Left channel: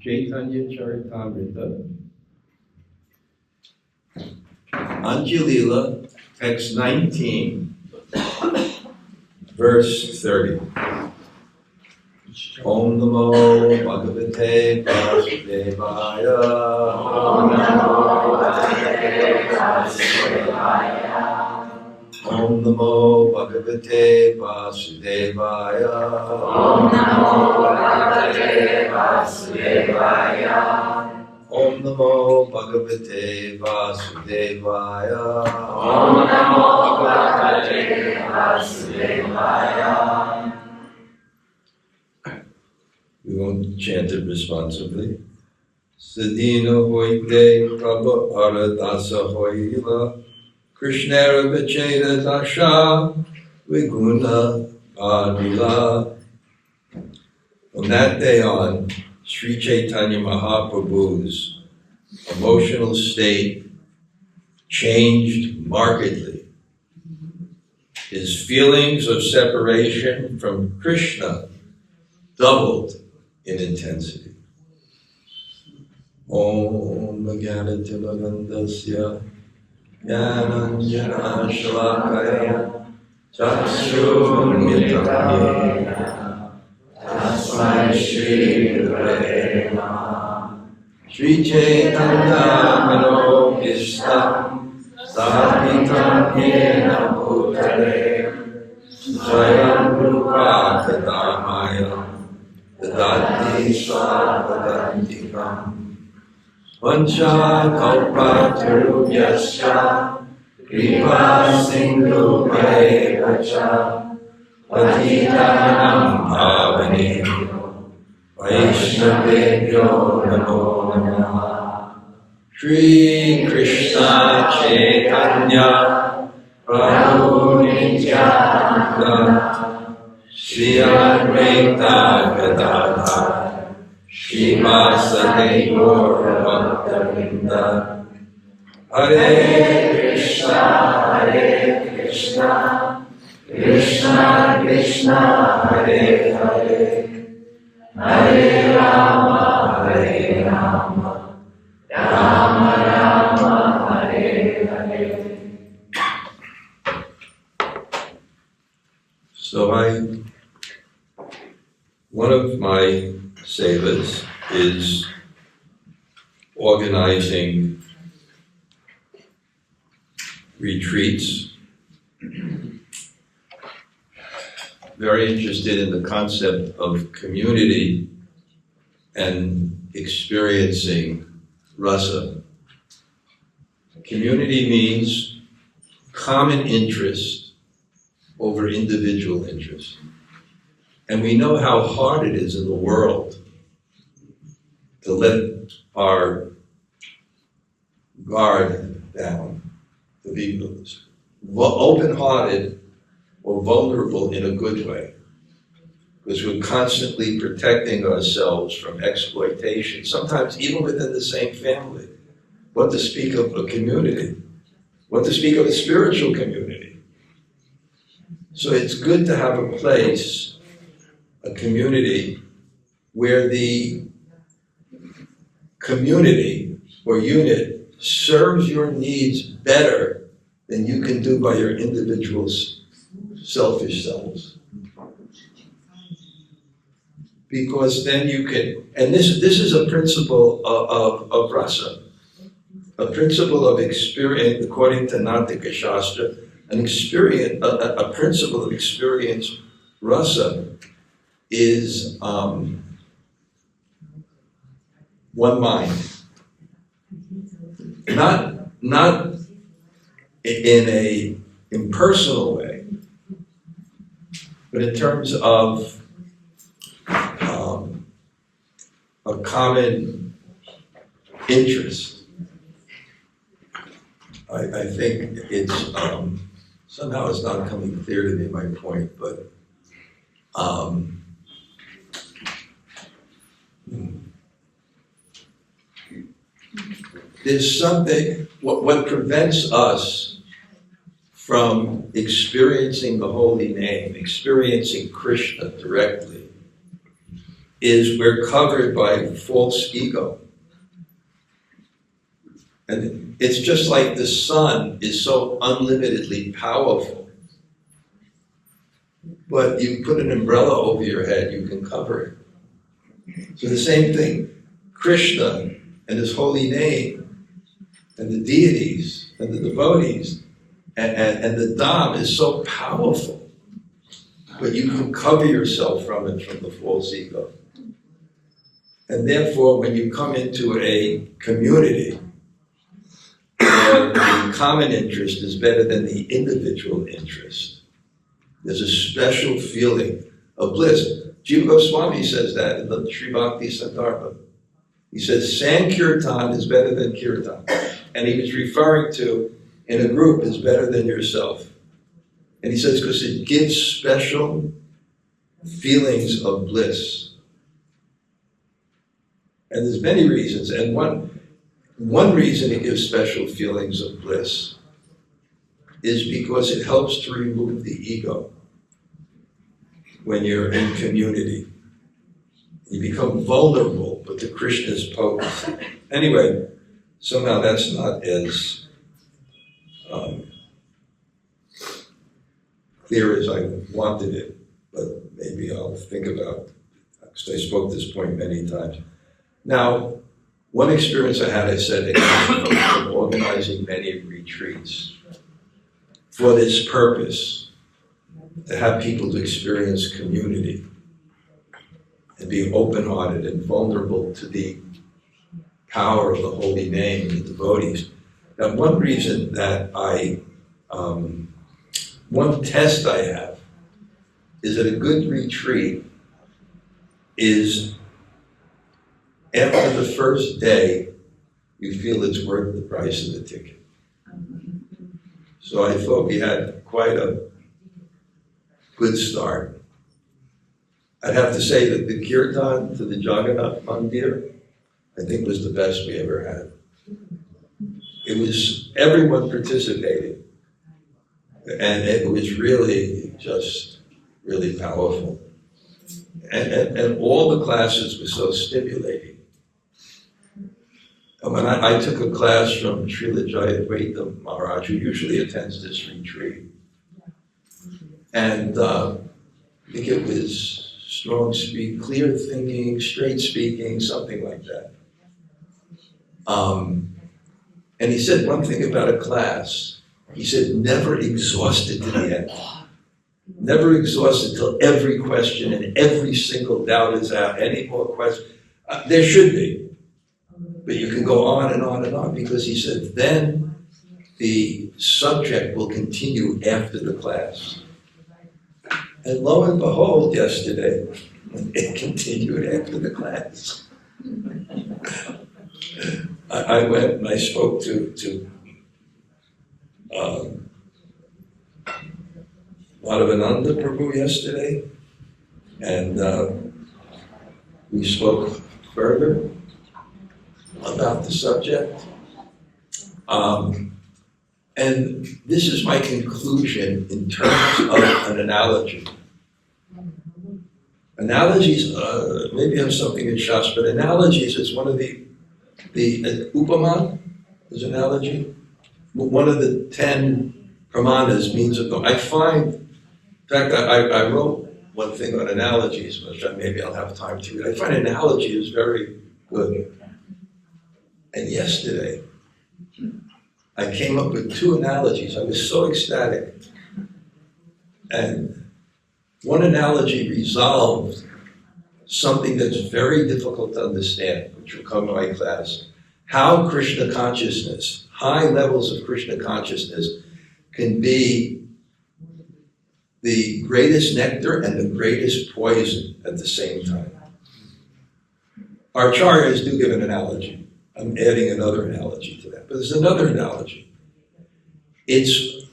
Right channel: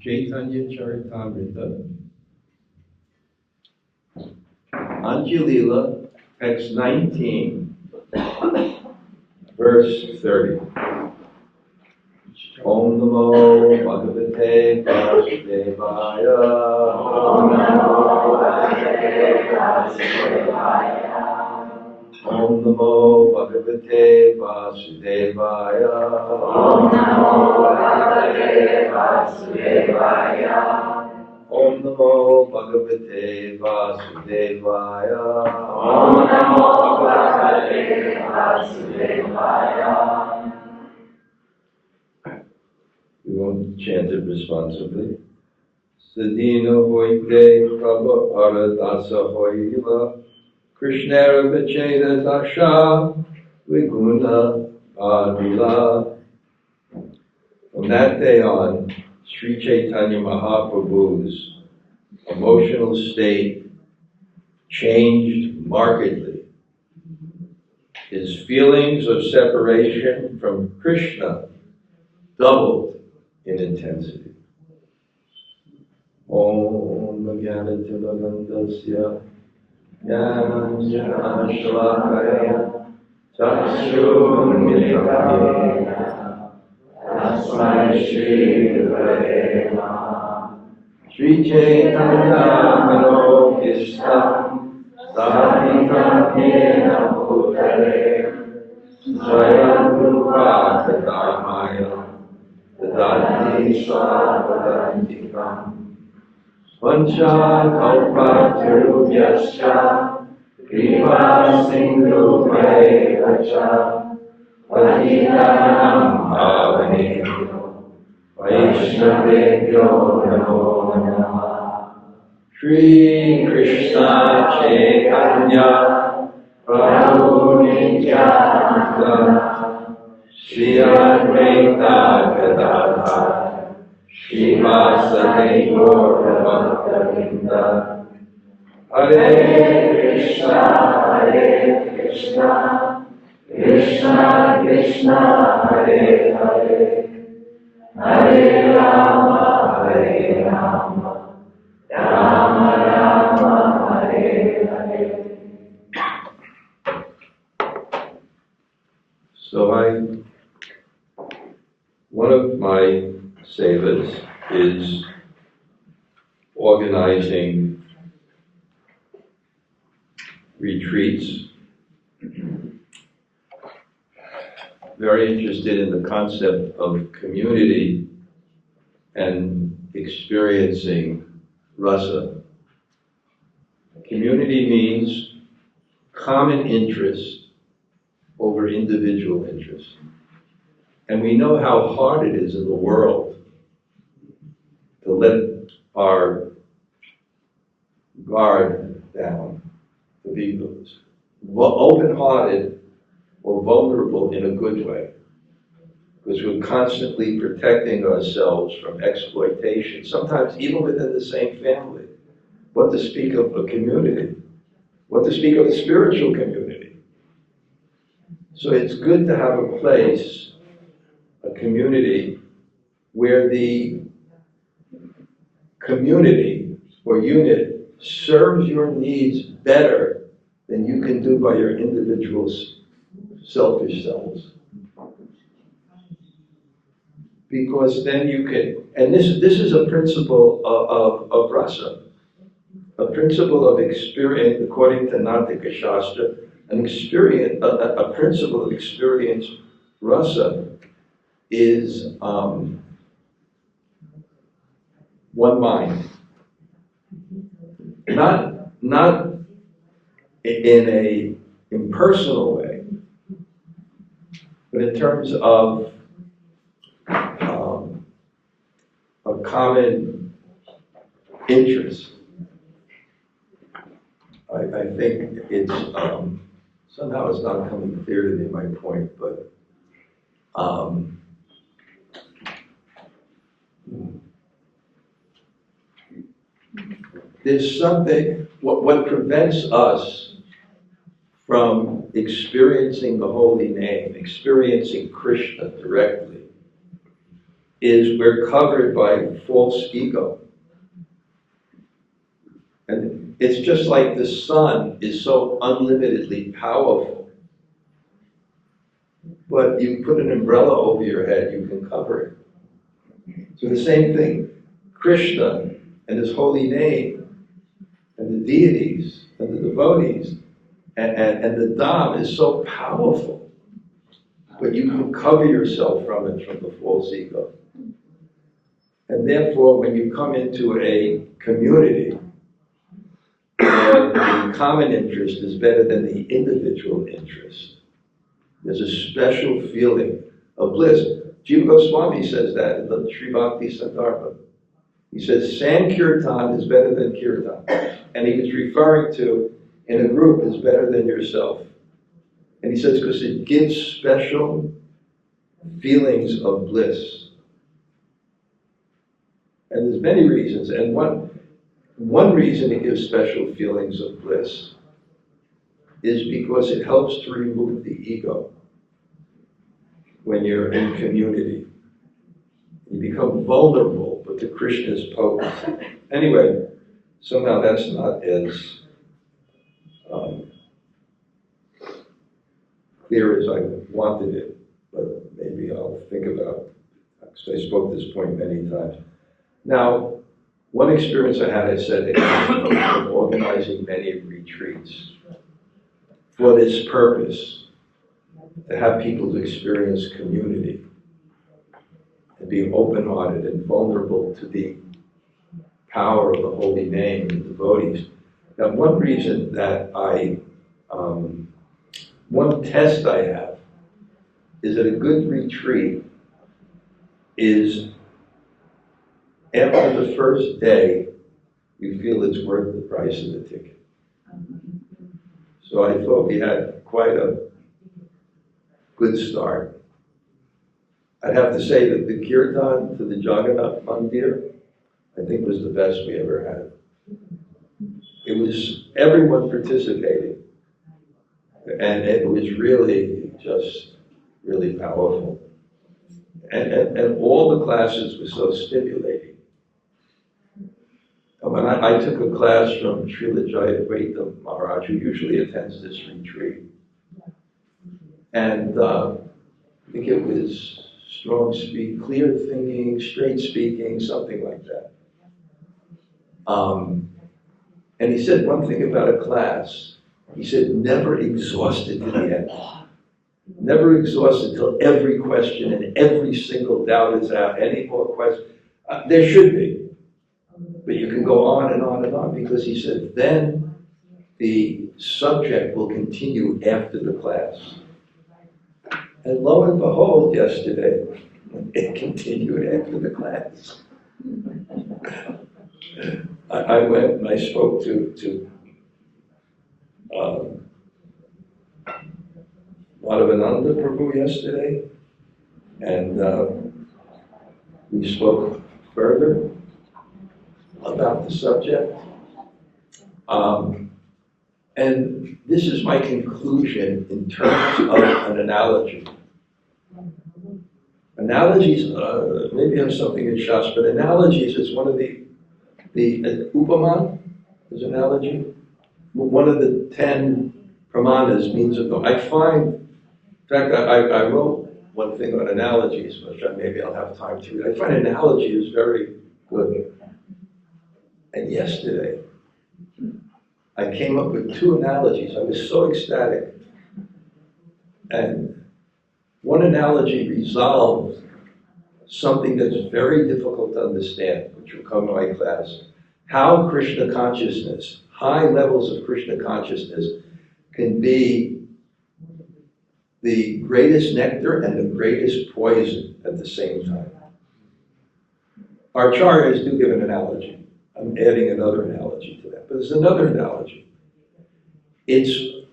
Chaitanya Charitamrita, Anjalila, text 19, verse 30. Om Namo Bhagavate Vasudevaya. Om Namo Bhagavate Vasudevaya. Om Namo Bhagavate Vasudevaya. Om Namo Bhagavate Vasudevaya. Om Namo Bhagavate Vasudevaya. Om Namo Bhagavate Vasudevaya. We won't chant it responsibly. Sadhina hoite prabha aradasa hoila Krishnera vacheta dasha viguna adila. From that day on, Sri Chaitanya Mahaprabhu's emotional state changed markedly. His feelings of separation from Krishna doubled in intensity. Om Jnanatilagandasya Jnananjana Shalakaya Chakshurmilitam Yena Tasmai Shri Gurave Namaha. Sri Chaitanya Manobhishtam Sthapitam Yena Bhutale Swayam Rupa Kadamaya Dadati Swavadantikam Vancha Kalpatarubhyascha Kripa Sindhu Bhaivacha Patitanam Pavanebhyo Vaishnavebhyo Namo Namaha. Shri Krishna Chaitanya Prabhu Nityananda Shri Advaita Gadadhara Srivasadi Gaura Bhakta-vrinda. Hare Krishna, Krishna Krishna, Hare Hare, Hare Rama, Hare Rama, Rama Rama, Hare Hare. So one of my sevas is organizing retreats. Very interested in the concept of community and experiencing rasa. Community means common interest over individual interest. And we know how hard it is in the world to let our guard down, to be open-hearted or vulnerable in a good way, because we're constantly protecting ourselves from exploitation, sometimes even within the same family. What to speak of a community, what to speak of a spiritual community. So it's good to have a place, a community, where the community or unit serves your needs better than you can do by your individual selfish selves. Because then you can, and this is a principle of rasa, a principle of experience, according to Natika Shastra, a principle of experience rasa is one mind. Not in a impersonal way, but in terms of a common interest. I think it's, somehow it's not coming clear to me, my point, but there's something, what prevents us from experiencing the holy name, experiencing Krishna directly, is we're covered by false ego. And it's just like the sun is so unlimitedly powerful. But you put an umbrella over your head, you can cover it. So the same thing, Krishna and his holy name, and the deities, and the devotees, and the Dham is so powerful. But you can cover yourself from it, from the false ego. And therefore, when you come into a community where the common interest is better than the individual interest, there's a special feeling of bliss. Jiva Swami says that in the Sri Bhakti Sandarbha. He says, Sankirtan is better than Kirtan. And he was referring to, in a group, is better than yourself. And he says, because it gives special feelings of bliss. And there's many reasons. And one reason it gives special feelings of bliss is because it helps to remove the ego when you're in community. You become vulnerable, but the Krishna's potency. Anyway, somehow that's not as clear as I wanted it, but maybe I'll think about it, because I spoke this point many times. Now, one experience I had, I said, it came from organizing many retreats for this purpose, to have people to experience community and be open-hearted and vulnerable to the power of the holy name and the devotees. Now, one reason that one test I have is that a good retreat is after the first day, you feel it's worth the price of the ticket. So I thought we had quite a good start. I'd have to say that the kirtan to the Jagannath Mandir, I think, was the best we ever had. It was, everyone participated. And it was really just really powerful. And all the classes were so stimulating. And when I took a class from Srila Jayadvaita Maharaj, who usually attends this retreat, and I think it was strong speaking, clear thinking, straight speaking, something like that. And he said one thing about a class. He said, never exhaust it to the end. Never exhaust it till every question and every single doubt is out. Any more questions? There should be. But you can go on and on and on, because he said, then the subject will continue after the class. And lo and behold, yesterday, it continued after the class. I went and I spoke to Madhavananda Prabhu yesterday, and we spoke further about the subject. And this is my conclusion in terms of an analogy. Analogies, maybe I have something in shastra, but analogies is one of the upama is analogy. One of the 10 pramanas means of I find, in fact, I wrote one thing on analogies, which maybe I'll have time to read. I find analogy is very good. And yesterday, I came up with 2 analogies. I was so ecstatic. And one analogy resolved something that's very difficult to understand, which will come in my class. How Krishna consciousness, high levels of Krishna consciousness, can be the greatest nectar and the greatest poison at the same time. Our acharyas do give an analogy. I'm adding another analogy to that, but there's another analogy. It's,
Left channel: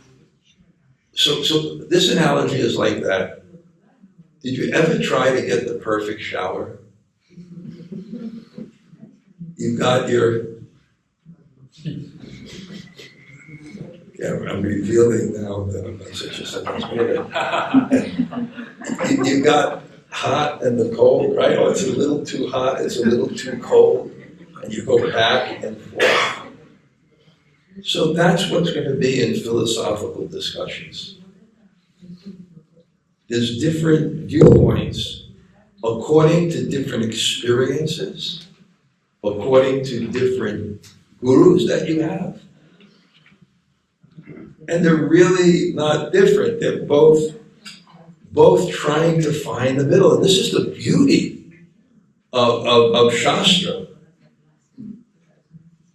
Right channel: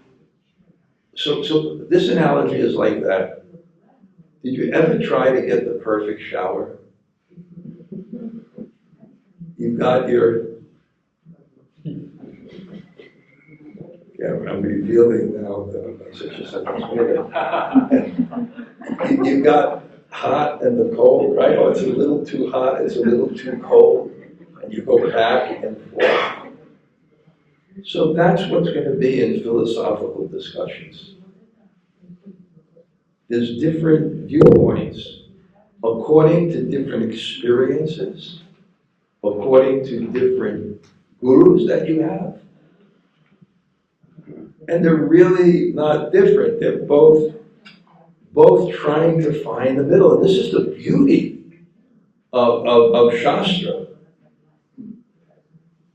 so this analogy is like that. Did you ever try to get the perfect shower? You got your, I'm revealing now that I'm not such a sentence. You got hot and the cold, right? Oh, it's a little too hot, it's a little too cold, and you go back and forth. So that's what's going to be in philosophical discussions. There's different viewpoints according to different experiences, according to different gurus that you have. And they're really not different. They're both trying to find the middle. And this is the beauty of shastra.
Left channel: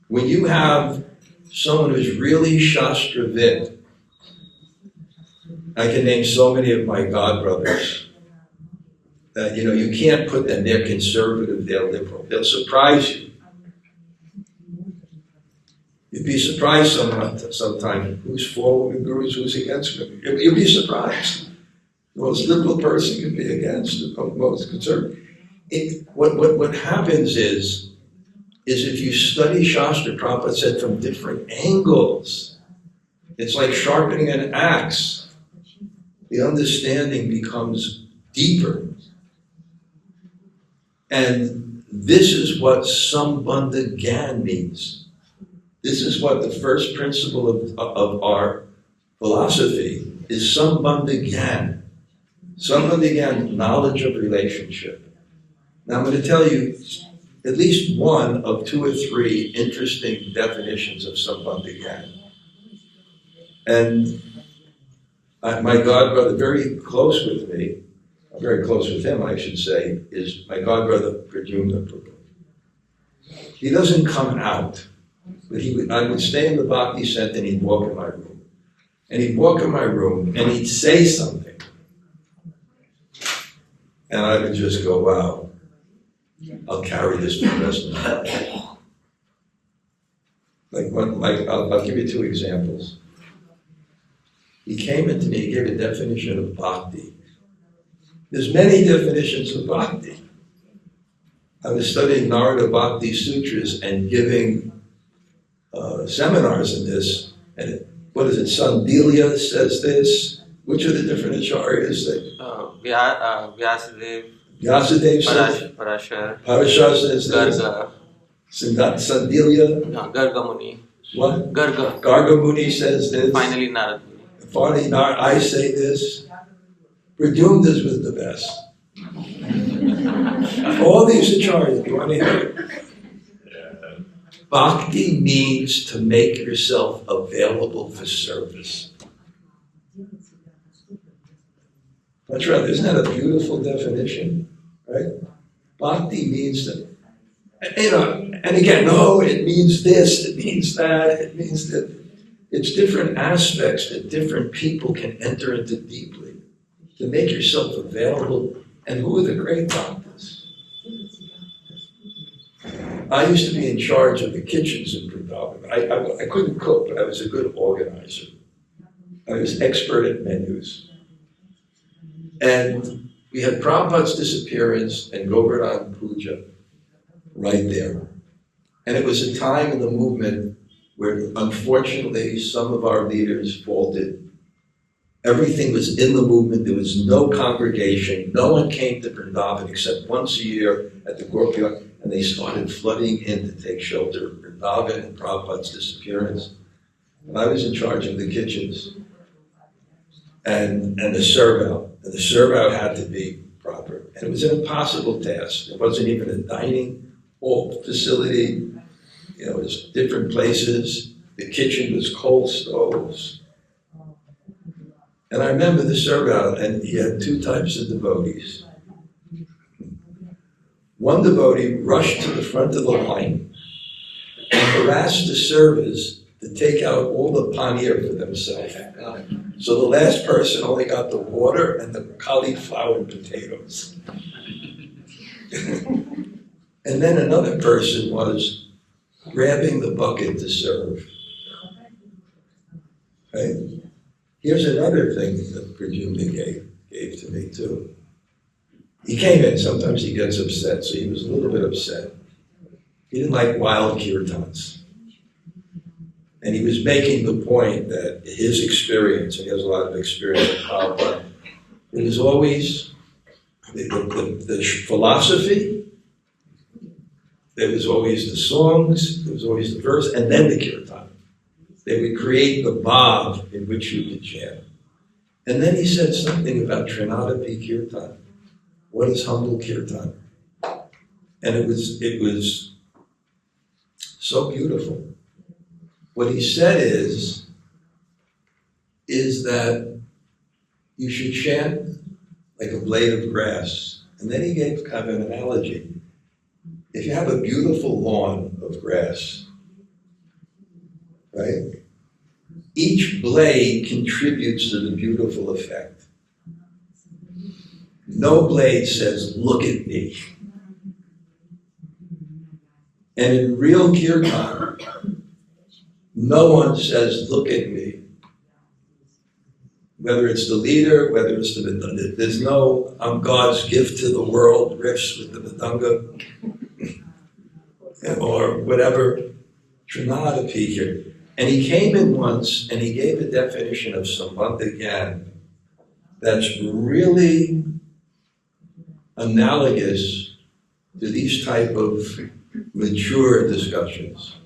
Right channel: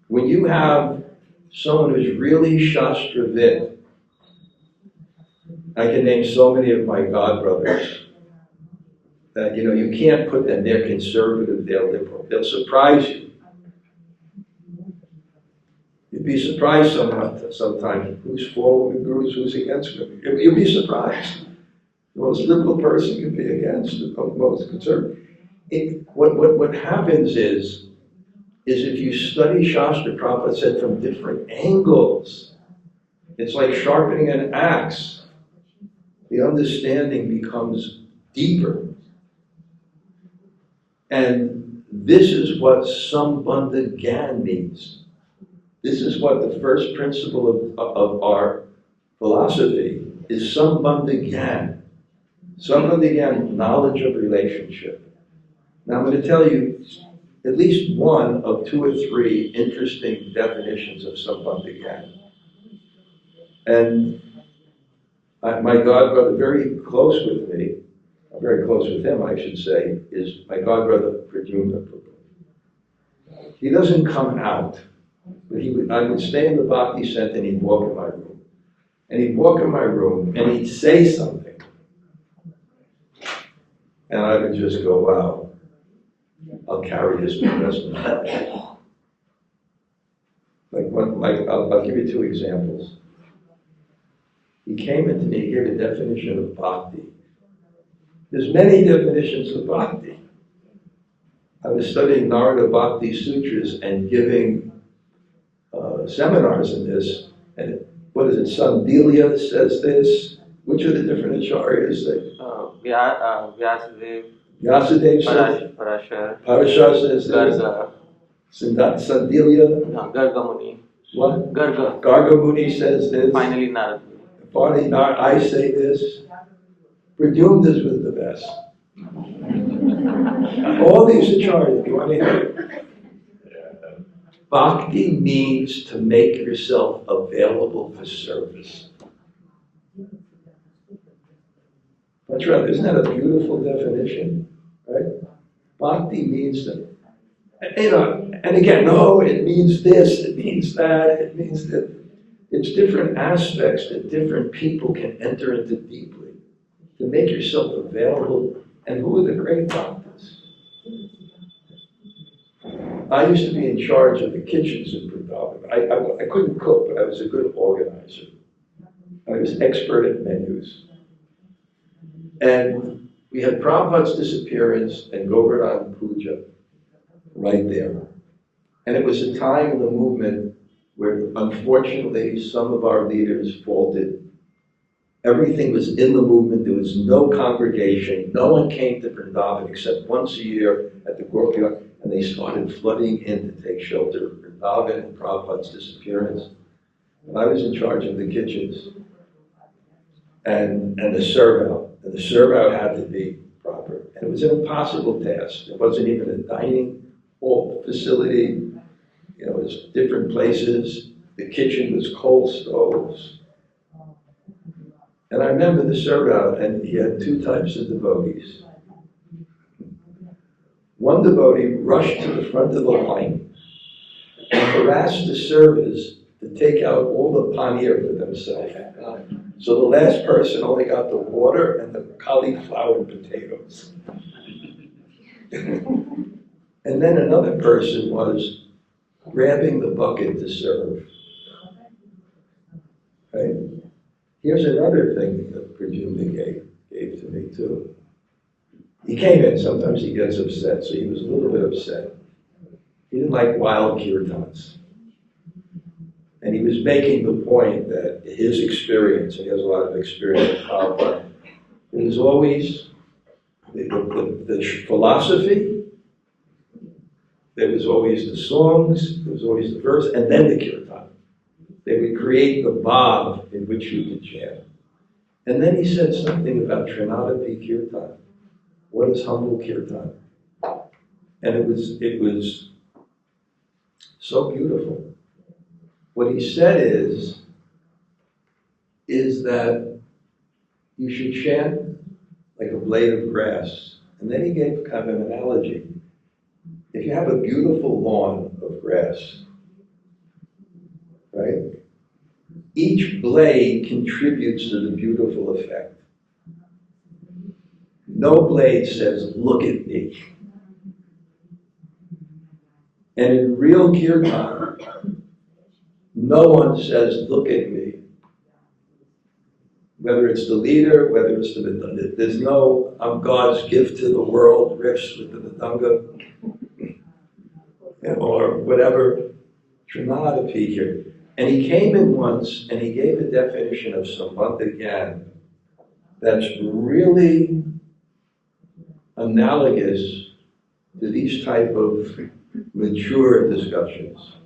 When you have someone who's really shastra-vid, I can name so many of my godbrothers that, you can't put them, they're conservative, they're liberal. They'll surprise you. You'd be surprised sometimes who's for the gurus, who's against them. You'll be surprised. The most liberal person can be against the most conservative. What happens is if you study Shastra, Prabhupada said, from different angles, it's like sharpening an axe. The understanding becomes deeper. And this is what Sambandha Gyan means. This is what the first principle of our philosophy is, Sambandha Gyan. Sambandha Gyan, knowledge of relationship. Now I'm going to tell you at least one of 2 or 3 interesting definitions of Sambandha Gyan. And my godbrother, very close with me, very close with him, I should say, is my godbrother Pradyumna Prabhu. He doesn't come out, but I would stay in the Bhakti Center and he'd walk in my room. And he'd walk in my room and he'd say something. And I would just go, wow, I'll carry this for the rest of my life. I'll give you 2 examples. He came into me, he gave a definition of bhakti. There's many definitions of bhakti. I was studying Narada Bhakti Sutras and giving seminars in this, and what is it, Sandelia says this. Which are the different acharyas that? Vyasadeva says, Parashar says this. Sandelia. No, Garga Muni. What? Garga Muni says this. Finally Narad Muni. Finally, I say this. Pradyumna's was the best. All these acharyas, you want to hear it? Bhakti means to make yourself available for service. That's right, isn't that a beautiful definition, right? Bhakti means that, and again, no, it means this, it means that, it means that. It's different aspects that different people can enter into deeply to make yourself available. And who are the great doctors? I used to be in charge of the kitchens in Vrindavan. I couldn't cook, but I was a good organizer. I was expert at menus. And we had Prabhupada's disappearance and Govardhan Puja right there. And it was a time in the movement where unfortunately some of our leaders faltered. Everything was in the movement, there was no congregation, no one came to Vrindavan except once a year at the courtyard, and they started flooding in to take shelter of Vrindavan and Prabhupada's disappearance. And I was in charge of the kitchens and the serve-out. And the serve-out had to be proper. And it was an impossible task. It wasn't even a dining hall facility. It was different places. The kitchen was coal stoves. And I remember the serve-out, and he had 2 types of devotees. One devotee rushed to the front of the line and harassed the servers to take out all the paneer for themselves. So the last person only got the water and the cauliflower and potatoes. And then another person was grabbing the bucket to serve. Right? Here's another thing that Pradyumna gave to me too. He came in, sometimes he gets upset, so he was a little bit upset. He didn't like wild kirtans. And he was making the point that his experience, and he has a lot of experience with Prabhupada, it was always the philosophy, there was always the songs, there was always the verse, and then the kirtan. They would create the bhav in which you could chant. And then he said something about Trinadapi kirtan. What is humble kirtan? And it was so beautiful. What he said is that you should chant like a blade of grass. And then he gave kind of an analogy. If you have a beautiful lawn of grass, right? Each blade contributes to the beautiful effect. No blade says, look at me. And in real kirtan, no one says, look at me. Whether it's the leader, whether it's there's no, I'm God's gift to the world, riffs with the Mridanga, or whatever, Trinadapi here. And he came in once and he gave a definition of Sambandha Gyan that's really analogous to these type of mature discussions.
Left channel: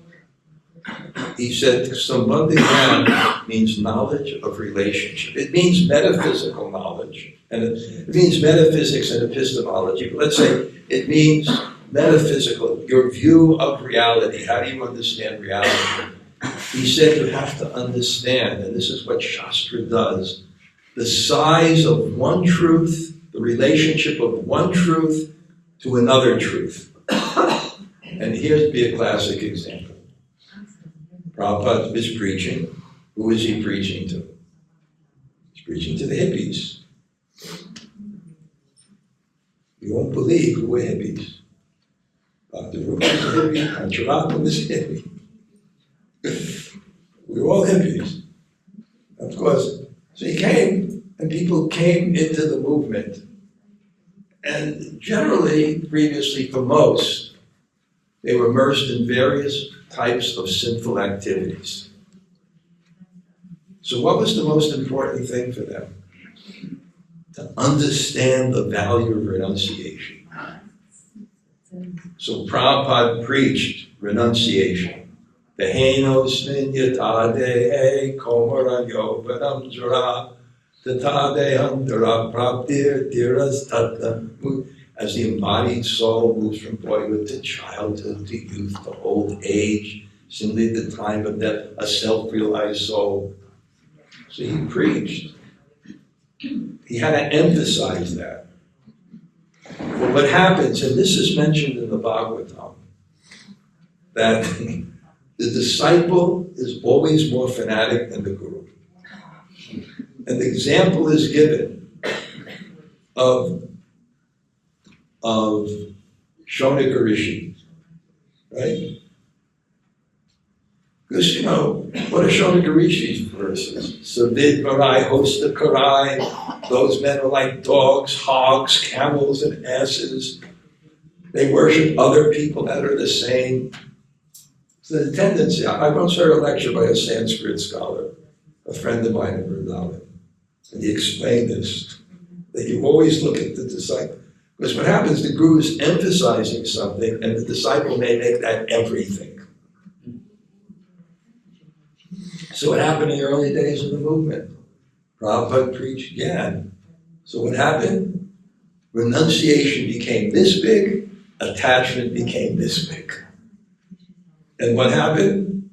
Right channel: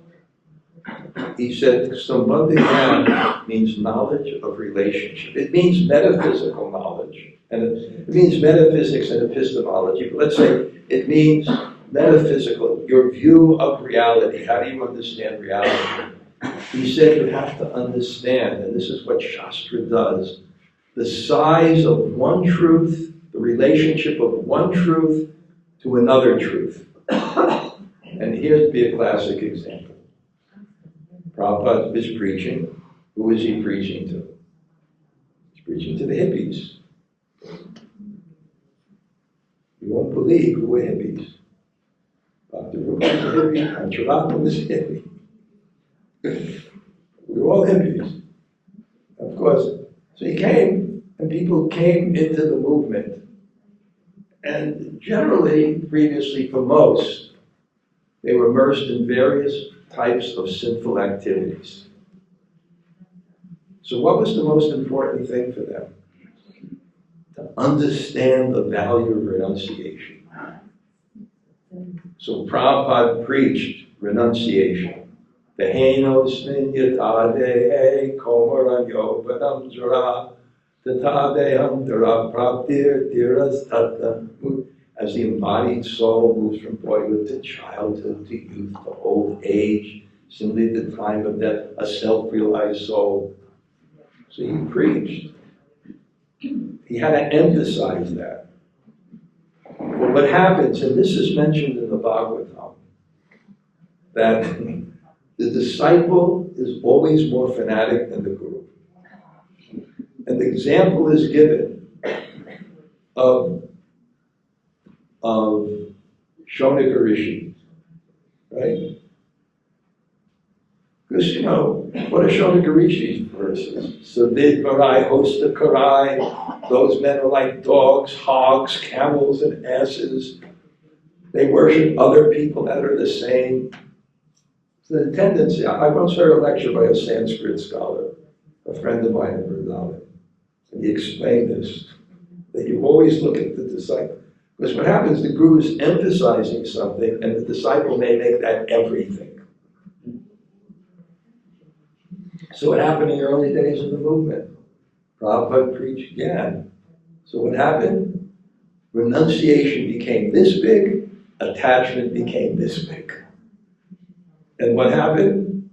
He said Sambandha Gyan means knowledge of relationship. It means metaphysical knowledge, and it means metaphysics and epistemology. But let's say it means metaphysical, your view of reality. How do you understand reality? He said you have to understand, and this is what shastra does, the size of one truth, the relationship of one truth to another truth. And here's be a classic example. Prabhupada is preaching. Who is he preaching to? He's preaching to the hippies. You won't believe who were hippies. Bhakti-rasa was a hippie, Ancharatma was a hippie. We were all hippies. Of course, so he came, and people came into the movement. And generally, previously for most, they were immersed in various types of sinful activities. So what was the most important thing for them? To understand the value of renunciation. So Prabhupada preached renunciation. Dehenosmin yatade komaranyo vanamjara tatade antara praptir tiras tata. As the embodied soul moves from boyhood to childhood to youth to old age, simply the time of death, a self-realized soul. So he preached. He had to emphasize that. But what happens, and this is mentioned in the Bhagavatam, that the disciple is always more fanatic than the guru. And the example is given of Shaunika Rishi, right? Because, you know, what are Shaunika Rishi's verses? Savid Varai, Hosta Karai, those men are like dogs, hogs, camels, and asses. They worship other people that are the same. So the tendency, I once heard a lecture by a Sanskrit scholar, a friend of mine in Vrindavan, and he explained this, that you always look at the disciple. Because what happens, the guru is emphasizing something, and the disciple may make that everything. So what happened in the early days of the movement? Prabhupada preached Gyan. So what happened? Renunciation became this big, attachment became this big. And what happened?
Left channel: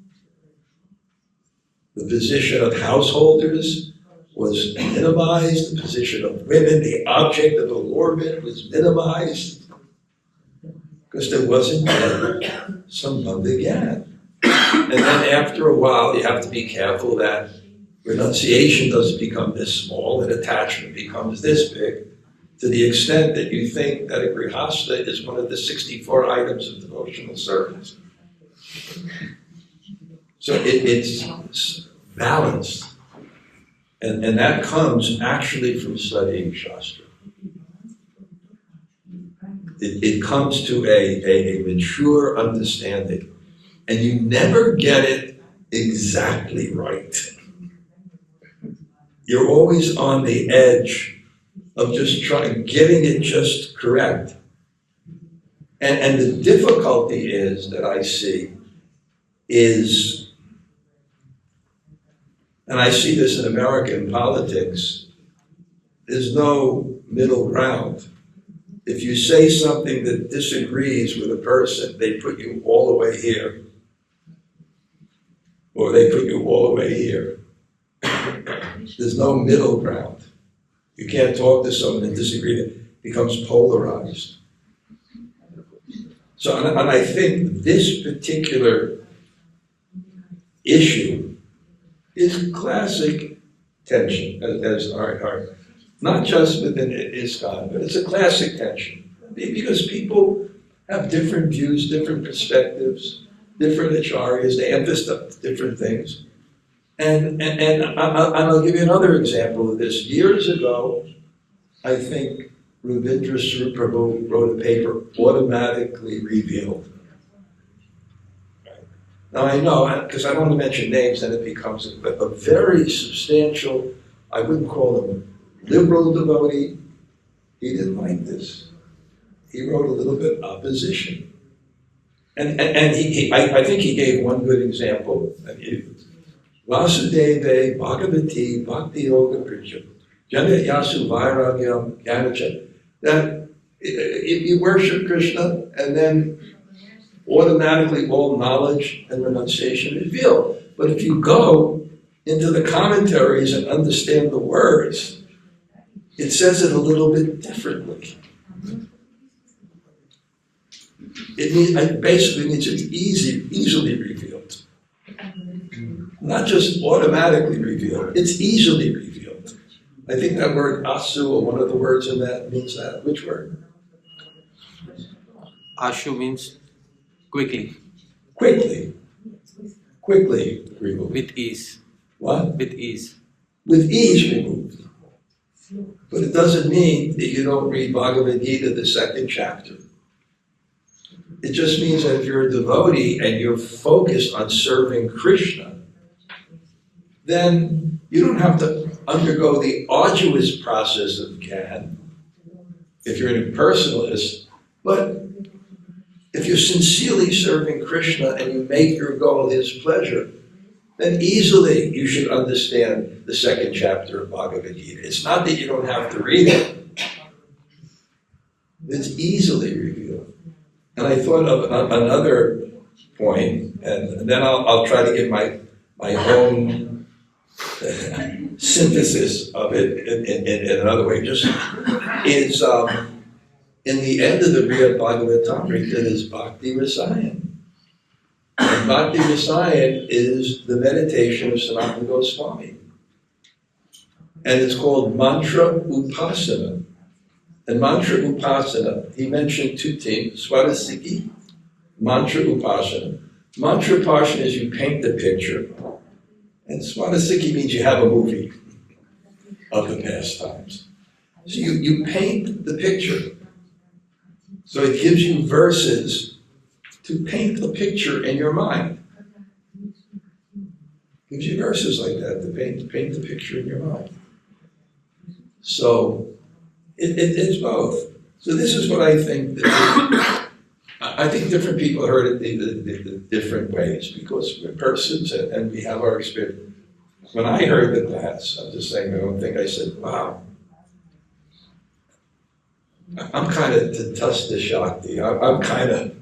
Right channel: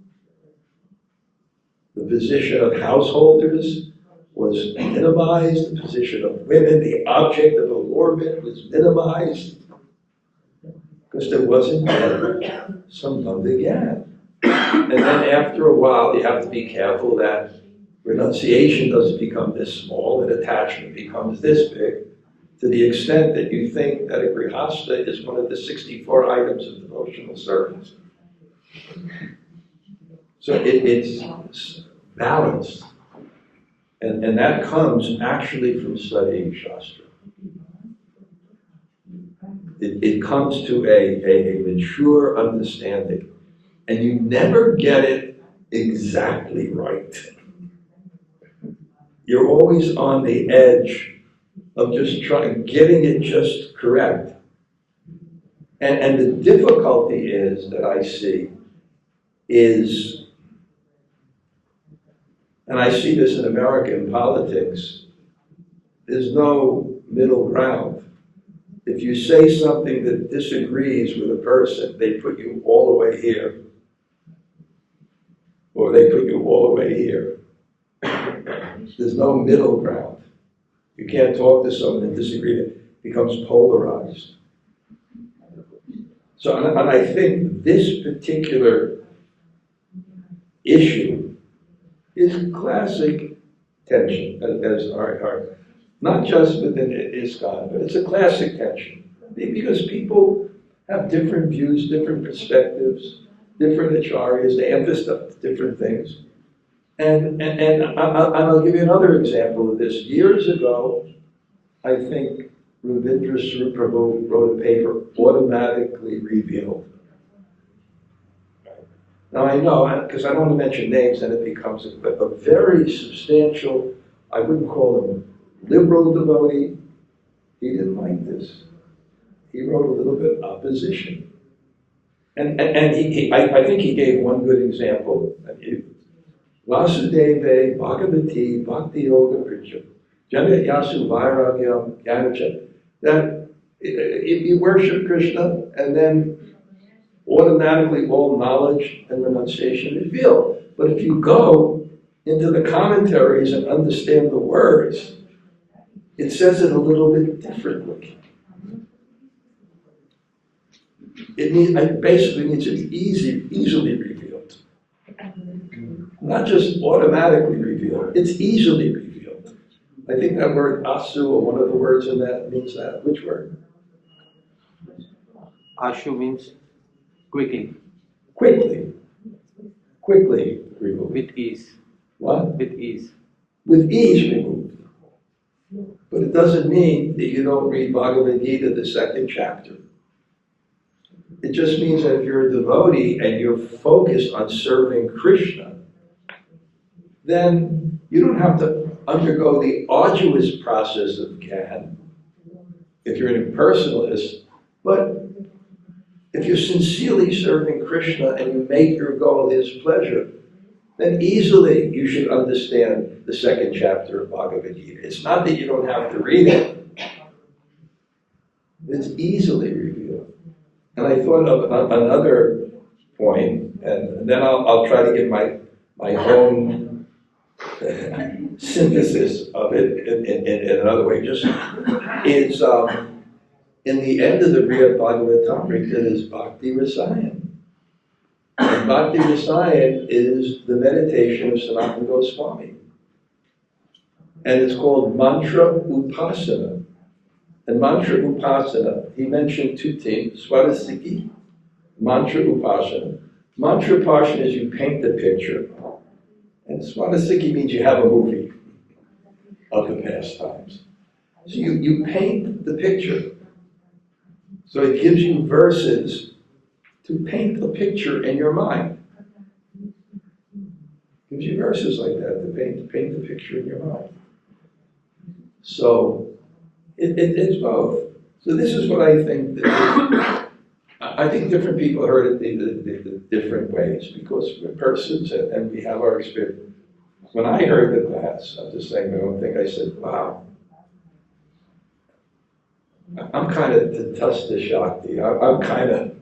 The position of householders was minimized, the position of women, the object of allurement was minimized, because there wasn't Sambandha Gyan. And then after a while, you have to be careful that renunciation doesn't become this small and attachment becomes this big, to the extent that you think that a grihastha is one of the 64 items of devotional service. So it's balanced. And that comes actually from studying shastra. It comes to a mature understanding. And you never get it exactly right. You're always on the edge of just getting it just correct. And the difficulty is that I see is, and I see this in American politics, there's no middle ground. If you say something that disagrees with a person, they put you all the way here. Or they put you all the way here. There's no middle ground. You can't talk to someone and disagree. It becomes polarized. So, and I think this particular issue is classic tension, as our not just within ISKCON, but it's a classic tension. Because people have different views, different perspectives, different acharyas, they emphasize different things. And I'll give you another example of this. Years ago, I think Ravindra Prabhu wrote a paper, Automatically Revealed. Now I know, because I don't want to mention names, then it becomes a very substantial, I wouldn't call him liberal devotee. He didn't like this. He wrote a little bit opposition. And I think he gave one good example. Vasudeva Bhagavati Bhakti Yoga Pricha Jana Yasu Vairagyam Gyanacha. That if you worship Krishna and then automatically all knowledge and renunciation revealed. But if you go into the commentaries and understand the words, it says it a little bit differently. It basically means it's easily revealed. Not just automatically revealed, it's easily revealed. I think that word asu, or one of the words in that, means that. Which word? Ashu means quickly. Quickly removed. With ease. What? With ease. With ease removed. But it doesn't mean that you don't read Bhagavad Gita, the second chapter. It just means that if you're a devotee and you're focused on serving Krishna, then you don't have to undergo the arduous process of Gyan if you're an impersonalist. But if you're sincerely serving Krishna and you make your goal his pleasure, then easily you should understand the second chapter of Bhagavad Gita. It's not that you don't have to read it. It's easily revealed. And I thought of another point, and then I'll try to give my own synthesis of it in another way. Just is in the end of the Brihad Bhagavatamrita is bhakti-rasa. And bhakti-rasa is the meditation of Sanatana Goswami. And it's called mantra upasana. And mantra upasana, he mentioned two things, swadhisthiti, mantra upasana. Mantra upasana is you paint the picture. And swadhisthiti means you have a movie of the past times. So you paint the picture. So it gives you verses to paint the picture in your mind. It gives you verses like that to paint the picture in your mind. So it's both. So this is what I think that I think different people heard it the different ways because we're persons and we have our experience. When I heard the class, I'm just saying my own thing, I said, wow. I'm kind of Tatasta Shakti. I'm kind of,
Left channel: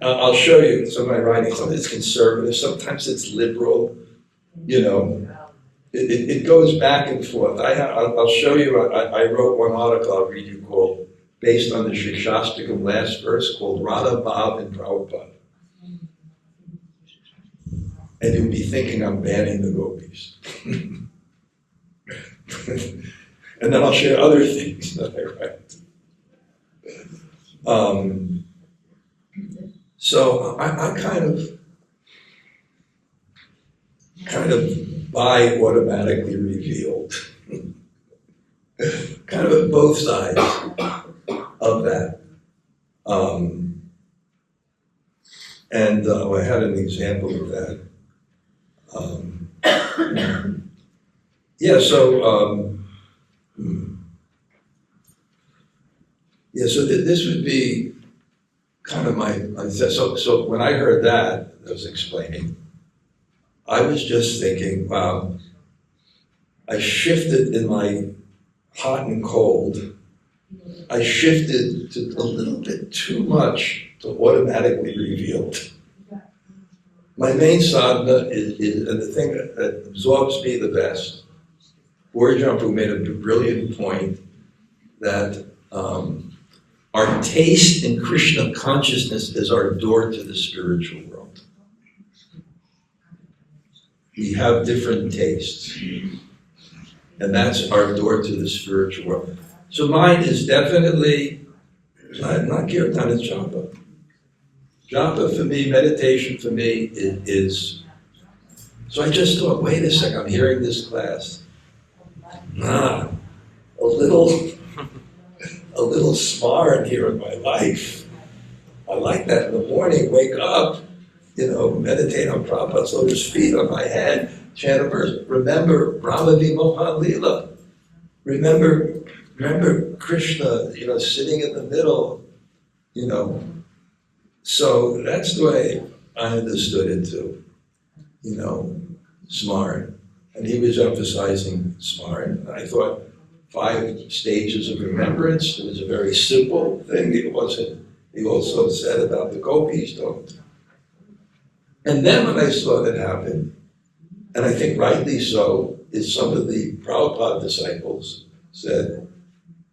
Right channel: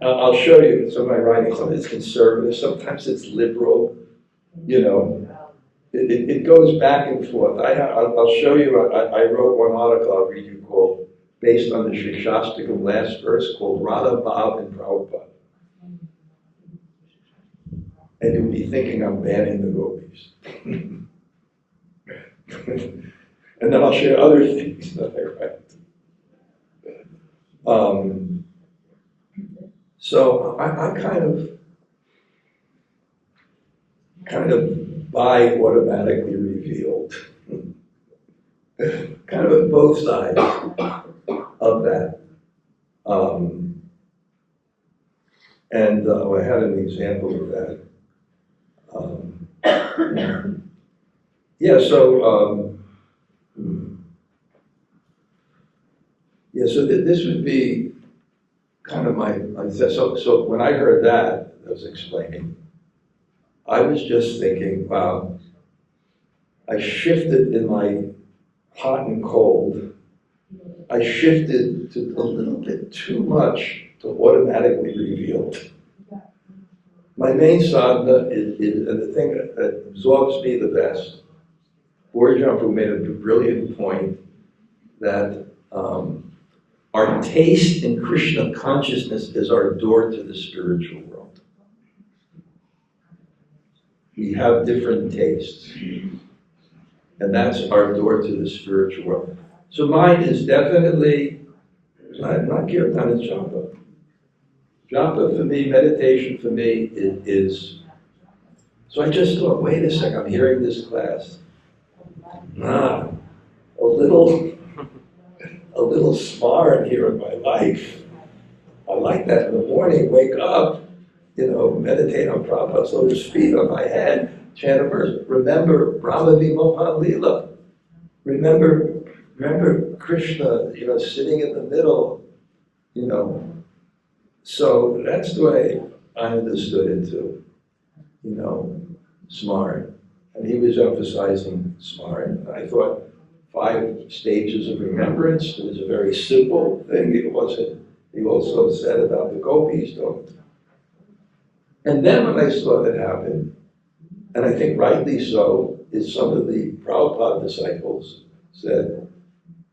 I'll show you some of my writings. Sometimes it's conservative, sometimes it's liberal, you know. It goes back and forth. I'll show you, I wrote one article I'll read you called, based on the Shikshastakam last verse, called Radha Bhav and Prabhupada. And you'll be thinking I'm banning the gopis. And then I'll share other things that I write. So I kind of buy automatically revealed. Kind of at both sides of that. I had an example of that. Yeah, so this would be kind of so when I heard that, I was explaining, I was just thinking, wow, I shifted in my hot and cold. I shifted to a little bit too much to automatically revealed. My main sadhana is and the thing that absorbs me the best, Borjampu made a brilliant point that our taste in Krishna consciousness is our door to the spiritual world. We have different tastes, and that's our door to the spiritual world. So mine is definitely not kirtan, it's japa. Japa for me, meditation for me is. So I just thought, wait a second, I'm hearing this class. A little smart here in my life. I like that in the morning, wake up, meditate on Prabhupada's lotus feet on my head, chant a verse. Remember Brahma Vimohan Lila. Remember Krishna, sitting in the middle, So that's the way I understood it too, smart. And he was emphasizing smart. And I thought 5 stages of remembrance. It was a very simple thing. It wasn't, he also said about the gopis don't. And then when I saw that happen, and I think rightly so, is some of the Prabhupada disciples said,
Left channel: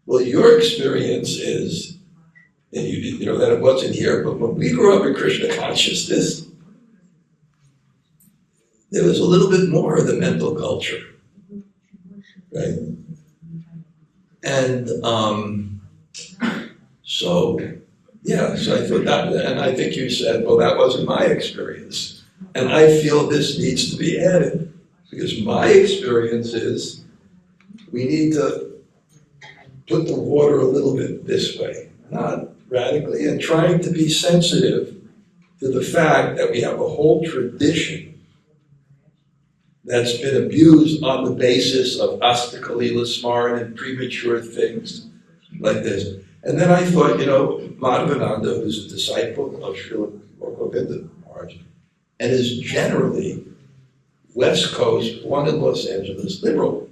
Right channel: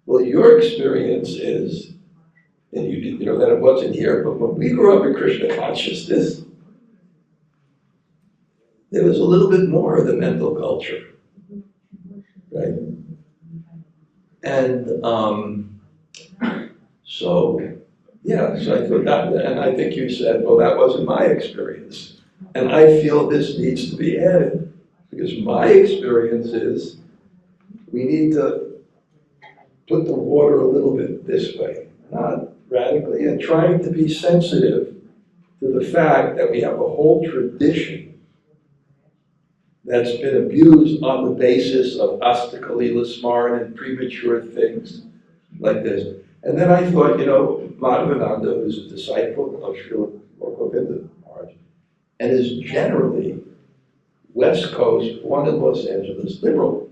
well, your experience is, that it wasn't here, but when we grew up in Krishna consciousness, there was a little bit more of the mental culture, right? And so I thought that, and I think you said, well, that wasn't my experience. And I feel this needs to be added, because my experience is we need to put the water a little bit this way, not radically, and trying to be sensitive to the fact that we have a whole tradition that's been abused on the basis of astakalila smaran and premature things like this. And then I thought, Madhavananda, who's a disciple of Srila Govinda Maharaj, and is generally West Coast, born in Los Angeles, liberal.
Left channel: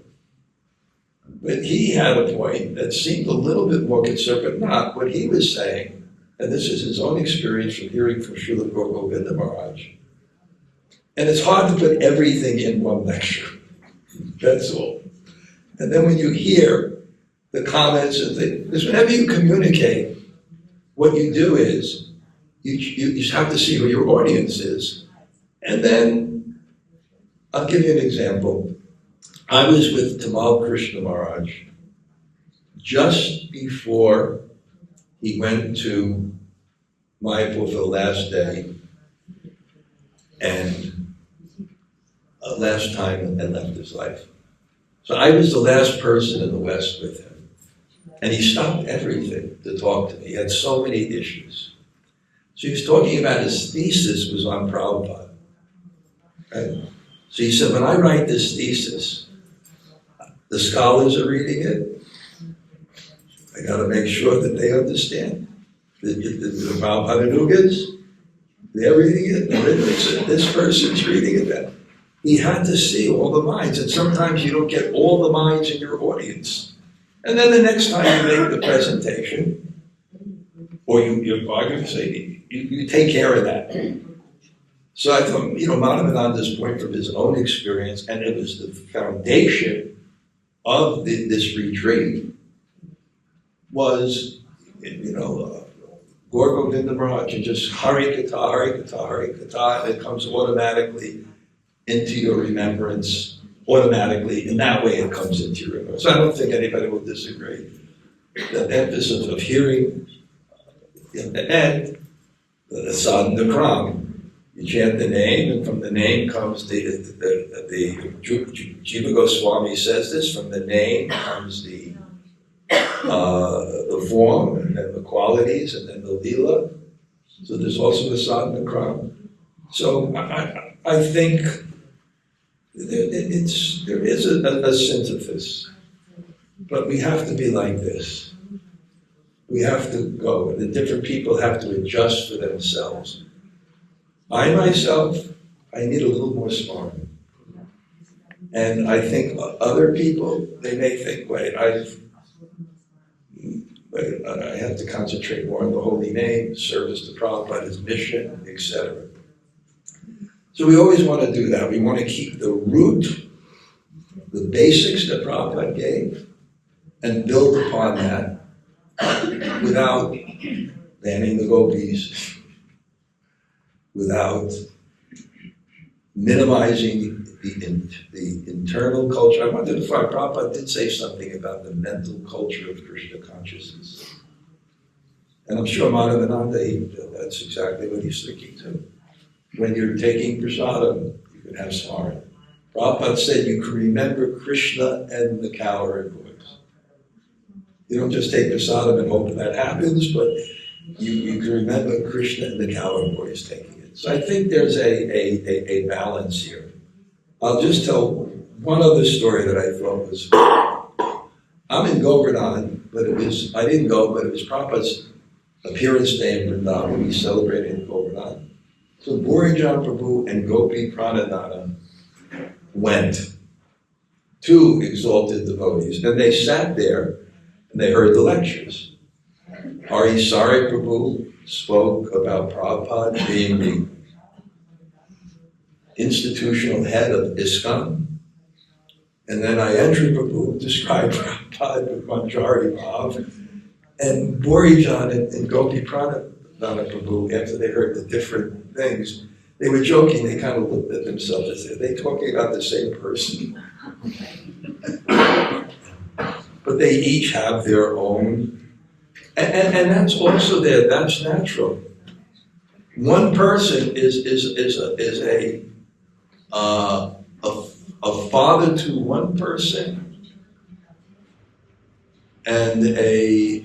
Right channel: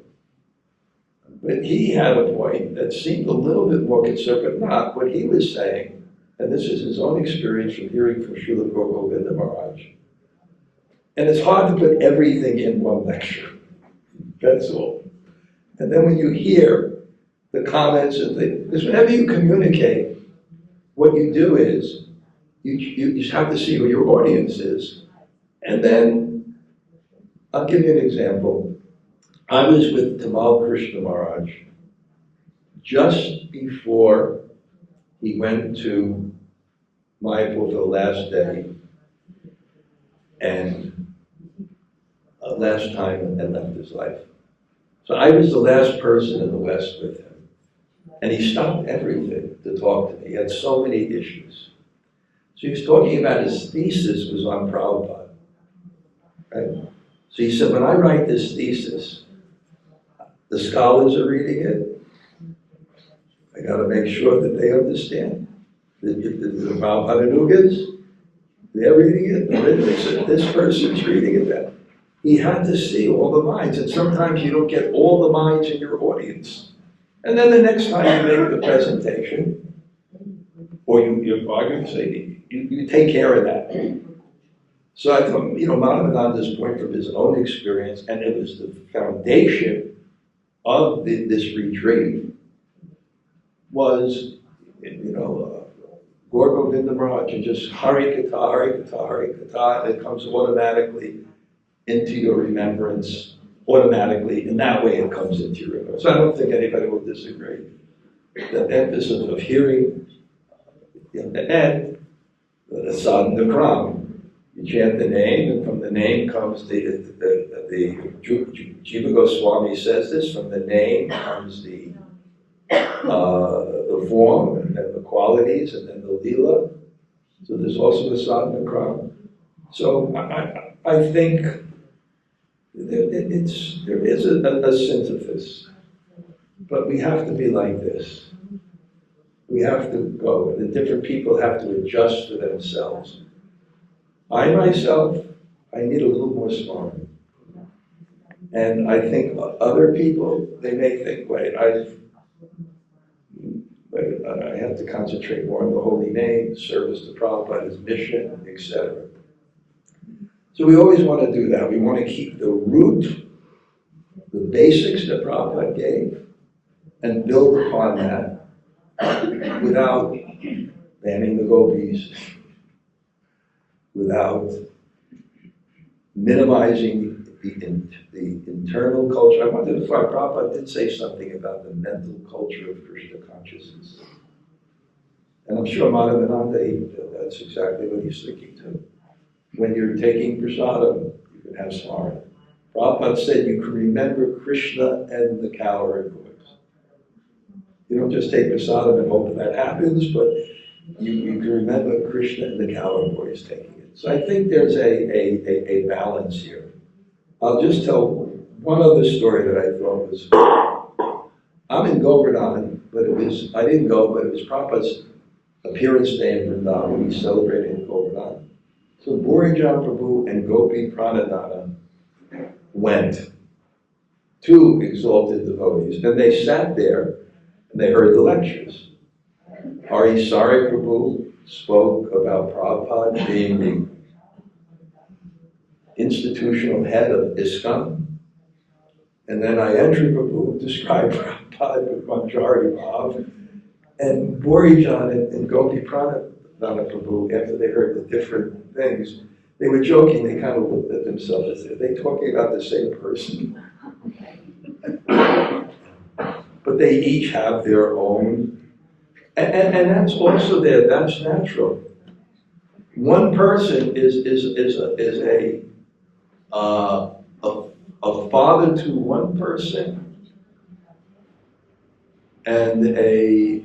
But he had a point that seemed a little bit more conservative, not what he was saying, and this is his own experience from hearing from Srila Govinda Maharaj. And it's hard to put everything in one lecture, that's all. And then when you hear the comments and things, because whenever you communicate, what you do is, you just have to see who your audience is. And then, I'll give you an example. I was with Tamal Krishna Maharaj just before he went to Mayapur for the last day and last time and left his life. So I was the last person in the West with him. And he stopped everything to talk to me. He had so many issues. So he was talking about his thesis was on Prabhupada. Right? So he said, when I write this thesis, the scholars are reading it. I got to make sure that they understand. The Prabhupada they're reading it. This person's reading it. That he had to see all the minds. And sometimes you don't get all the minds in your audience. And then the next time you make the presentation, or you're going to say, you take care of that. So I thought, Madhavananda's point from his own experience, and it was the foundation of this retreat, was, Gaur Govinda Maharaj, and just Hari Kata, Hari Kata, Hari Kata, and it comes automatically into your remembrance, automatically. In that way, it comes into your remembrance. So I don't think anybody will disagree. The emphasis of hearing, and the sadhana kram. You chant the name, and from the name comes the Jiva Goswami says this, from the name comes the form, and then the qualities, and then the lila. So there's also the sadhana kram. So I think there is a synthesis, but we have to be like this. we have to go, and the different people have to adjust for themselves. I myself, I need a little more sparring. And I think other people, they may think, wait, I have to concentrate more on the holy name, service to Prabhupada, his mission, etc. So we always want to do that. We want to keep the root, the basics that Prabhupada gave, and build upon that without banning the gopis, without minimizing the internal culture. I wonder if Prabhupada did say something about the mental culture of Krishna consciousness. And I'm sure Madhavananda, that's exactly what he's thinking too. When you're taking prasadam, you can have smarna. Prabhupada said you can remember Krishna and the cowherd boys. You don't just take prasadam and hope that happens, but you can remember Krishna and the cowherd boys taking it. So I think there's a balance here. I'll just tell one other story that I thought was, I'm in Govardhan, but I didn't go, but it was Prabhupada's appearance day in Vrindavan. We celebrated in Govardhan. So Burijan Prabhu and Gopi Pranadhana went, two exalted devotees, and they sat there and they heard the lectures. Hari Sari Prabhu spoke about Prabhupada being the institutional head of ISKCON, and then Ayendra Prabhu described Prabhupada with Manjari Bhav, and Burijan and Gopi Pranadhana Prabhu, after they heard the different things, they were joking, they kind of looked at themselves and said, are they talking about the same person? But they each have their own, and that's also there, that's natural. One person is a father to one person and a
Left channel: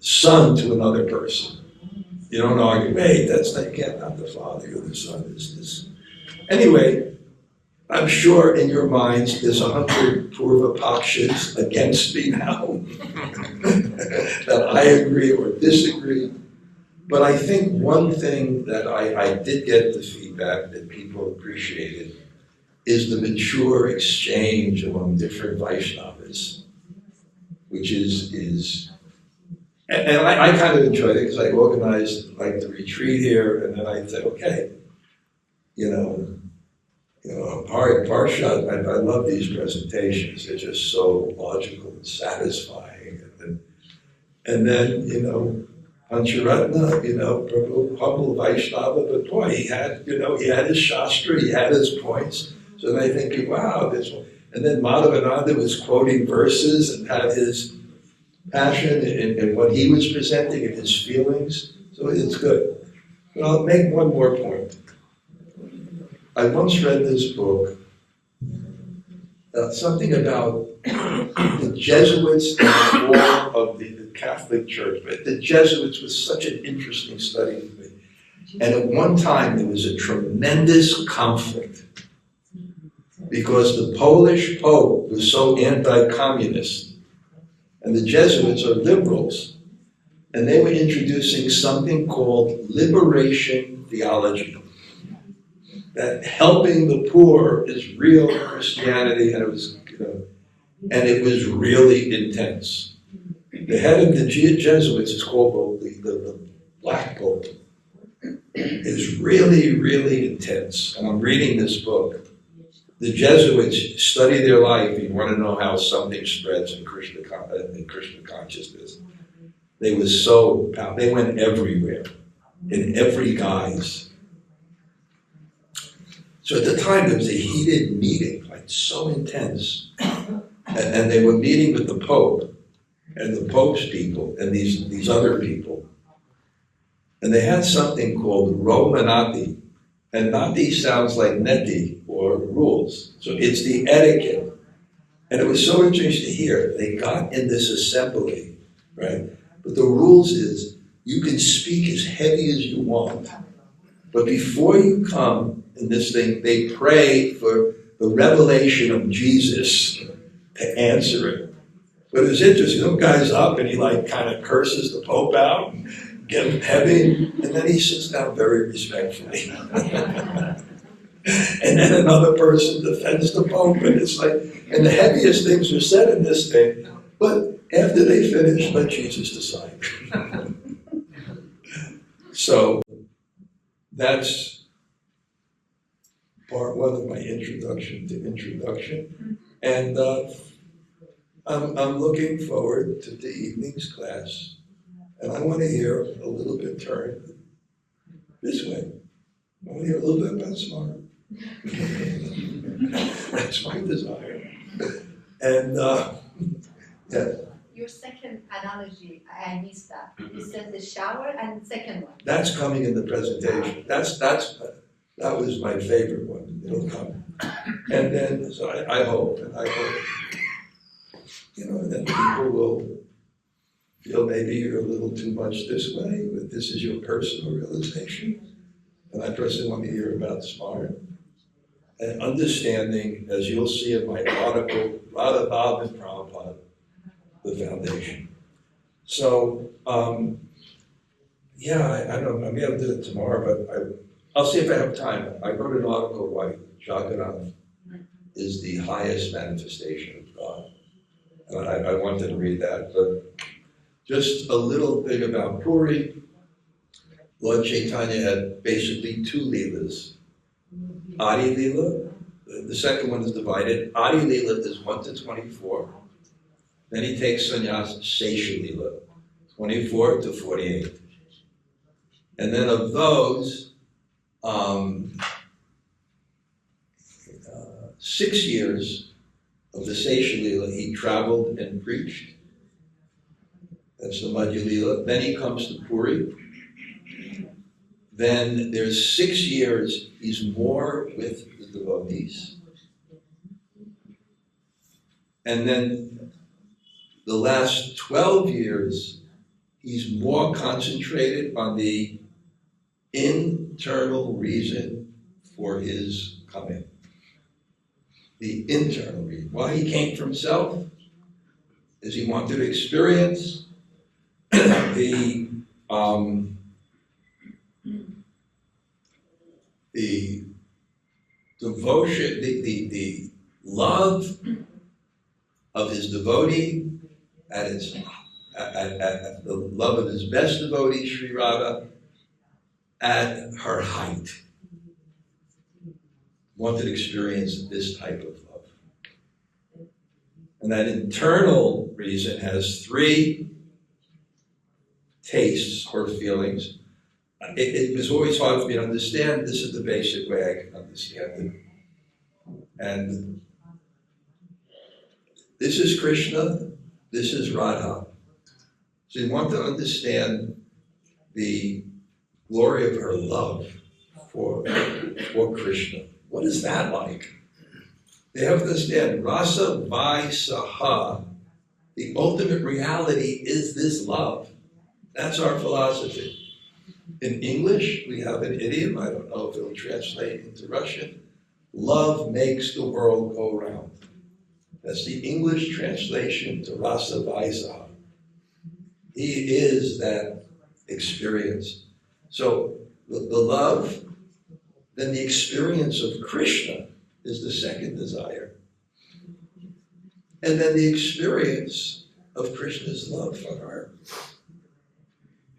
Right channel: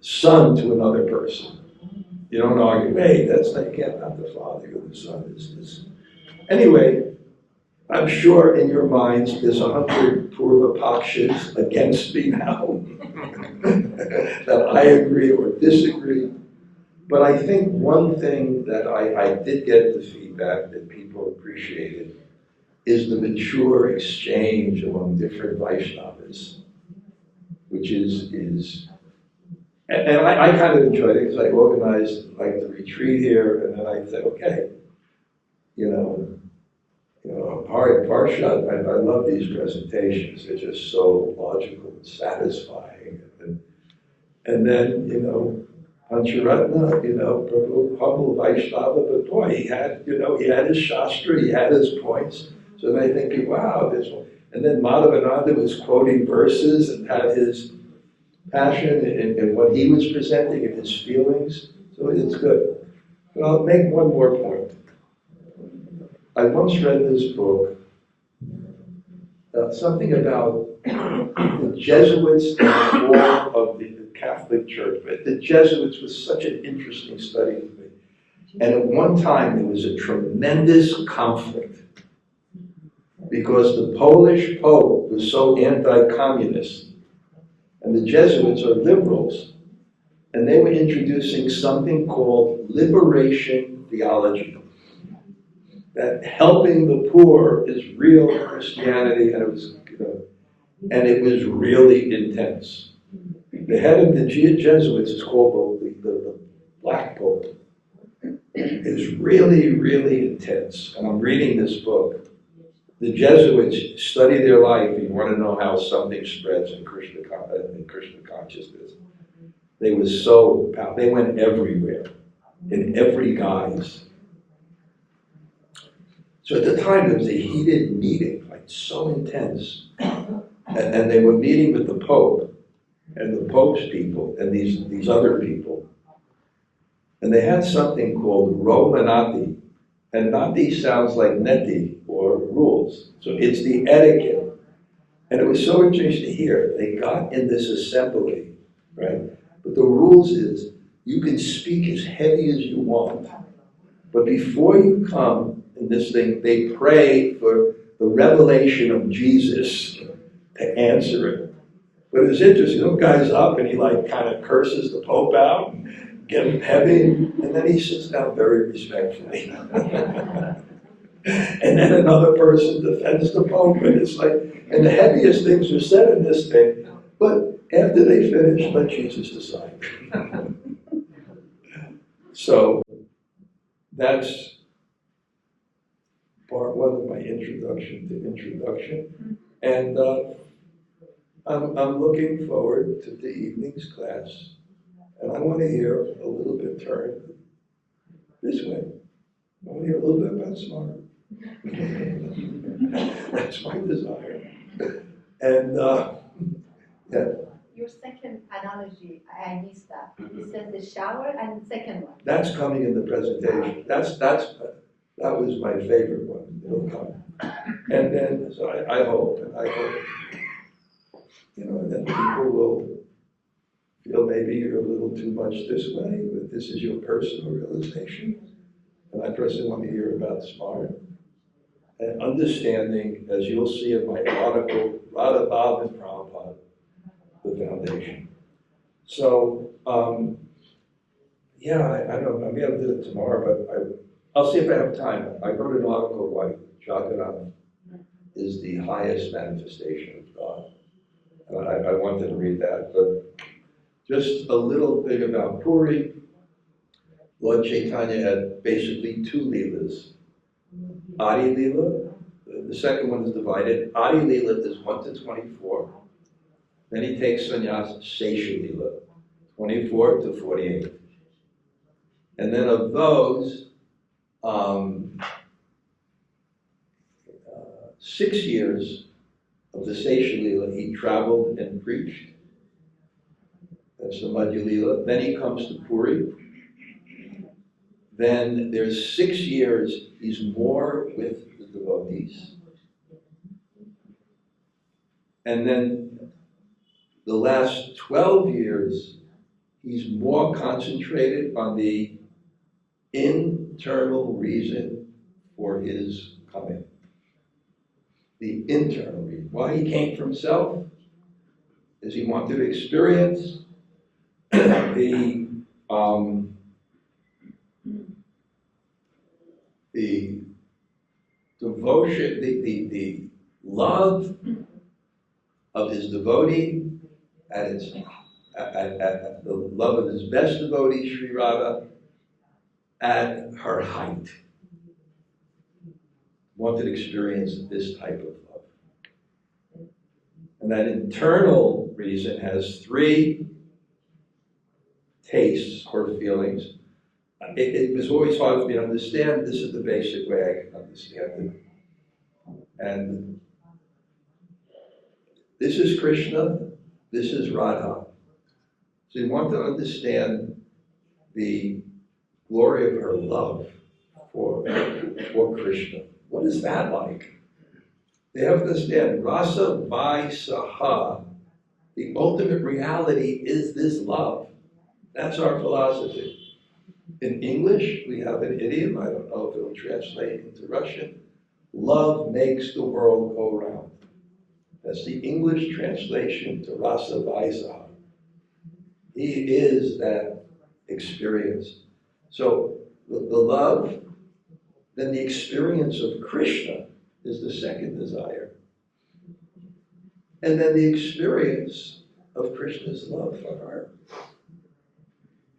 son to another person. You don't argue, hey, that's not, you can't have the father or the son is this. Anyway, I'm sure in your minds there's 100 Purva Pakshas against me now that I agree or disagree. But I think one thing that I did get the feedback that people appreciated is the mature exchange among different Vaishnavas, which is and I kind of enjoyed it because I organized like the retreat here, and then I said, okay, Parshat, I love these presentations. They're just so logical and satisfying. And then, Pancharatna, Prabhu, humble Vaishnava, but boy, he had his shastra, he had his points. So then I think, wow, this one. And then Madhavananda was quoting verses and had his passion in what he was presenting and his feelings. So it's good. But I'll make one more point. I once read this book, something about the Jesuits in the war of the Catholic Church. But the Jesuits was such an interesting study to me. And at one time there was a tremendous conflict because the Polish Pope was so anti-communist, and the Jesuits are liberals, and they were introducing something called liberation theology. That helping the poor is real Christianity, and it was really intense. The head of the Jesuits is called the Black Pope. It's really, really intense. And I'm reading this book. The Jesuits study their life. You want to know how something spreads in Krishna consciousness. They went everywhere, in every guise. So at the time, there was a heated meeting, like so intense. And they were meeting with the Pope and the Pope's people and these other people. And they had something called Romanati. And Nati sounds like neti or rules. So it's the etiquette. And it was so interesting to hear. They got in this assembly, right? But the rules is you can speak as heavy as you want. But before you come in this thing, they pray for the revelation of Jesus to answer it. But it was interesting, some guy's up and he like kind of curses the Pope out, and get him heavy, and then he sits down very respectfully. And then another person defends the Pope, and it's like, and the heaviest things are said in this thing, but after they finish, let Jesus decide. So that's part one of my introduction to introduction. And I'm looking forward to the evening's class. And I want to hear a little bit turn this way. I want to hear a little bit about smart. That's my desire. And yeah. Your second analogy, I missed that. You said the shower and the second one. That's coming in the presentation. That was my favorite one. It'll come. And then, so I hope, that people will feel maybe you're a little too much this way, but this is your personal realization. And I personally want to hear about smart. And understanding, as you'll see in my article, Vrindavan and Prabhupada, the foundation. So, I don't know, I may have to do it tomorrow, but I'll see if I have time. I wrote an article why Jagannath is the highest manifestation of God. And I wanted to read that, but just a little thing about Puri. Lord Chaitanya had basically two leelas. Adi Leela, the second one is divided. Adi Leela is 1 to 24. Then he takes sannyas, Sesha Leela, 24 to 48. And then of those, 6 years of the Sesha Leela, he traveled and preached. That's the Madhya Leela. Then he comes to Puri. Then there's 6 years he's more with the devotees. And then the last 12 years, he's more concentrated on the internal reason for his coming. The internal reason. Why he came for himself is he wanted to experience the devotion, the love of his devotee at the love of his best devotee, Sri Radha, at her height. Wanted to experience this type of love. And that internal reason has 3 tastes or feelings. It was always hard for me to understand. This is the basic way I can understand it. And this is Krishna, this is Radha. So you want to understand the glory of her love for Krishna. What is that like? They have to understand, Rasa Vaisaha, the ultimate reality is this love. That's our philosophy. In English, we have an idiom, I don't know if it'll translate into Russian. Love makes the world go round. That's the English translation to Rasa Vaisaha. He is that experience. So the love, then the experience of Krishna is the second desire. And then the experience of Krishna's love for her.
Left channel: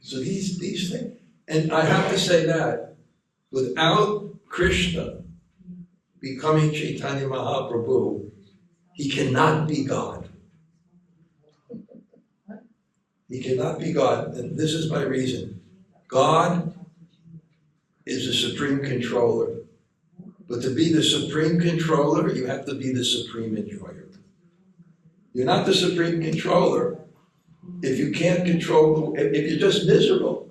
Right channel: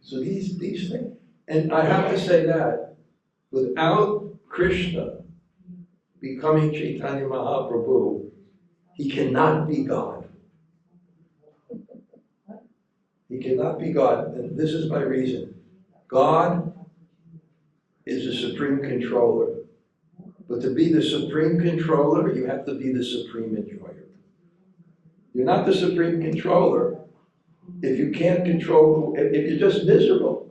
So these things. And I have to say that without Krishna becoming Chaitanya Mahaprabhu, he cannot be God. He cannot be God. And this is my reason. God is the supreme controller. But to be the supreme controller, you have to be the supreme enjoyer. You're not the supreme controller if you can't control, if you're just miserable.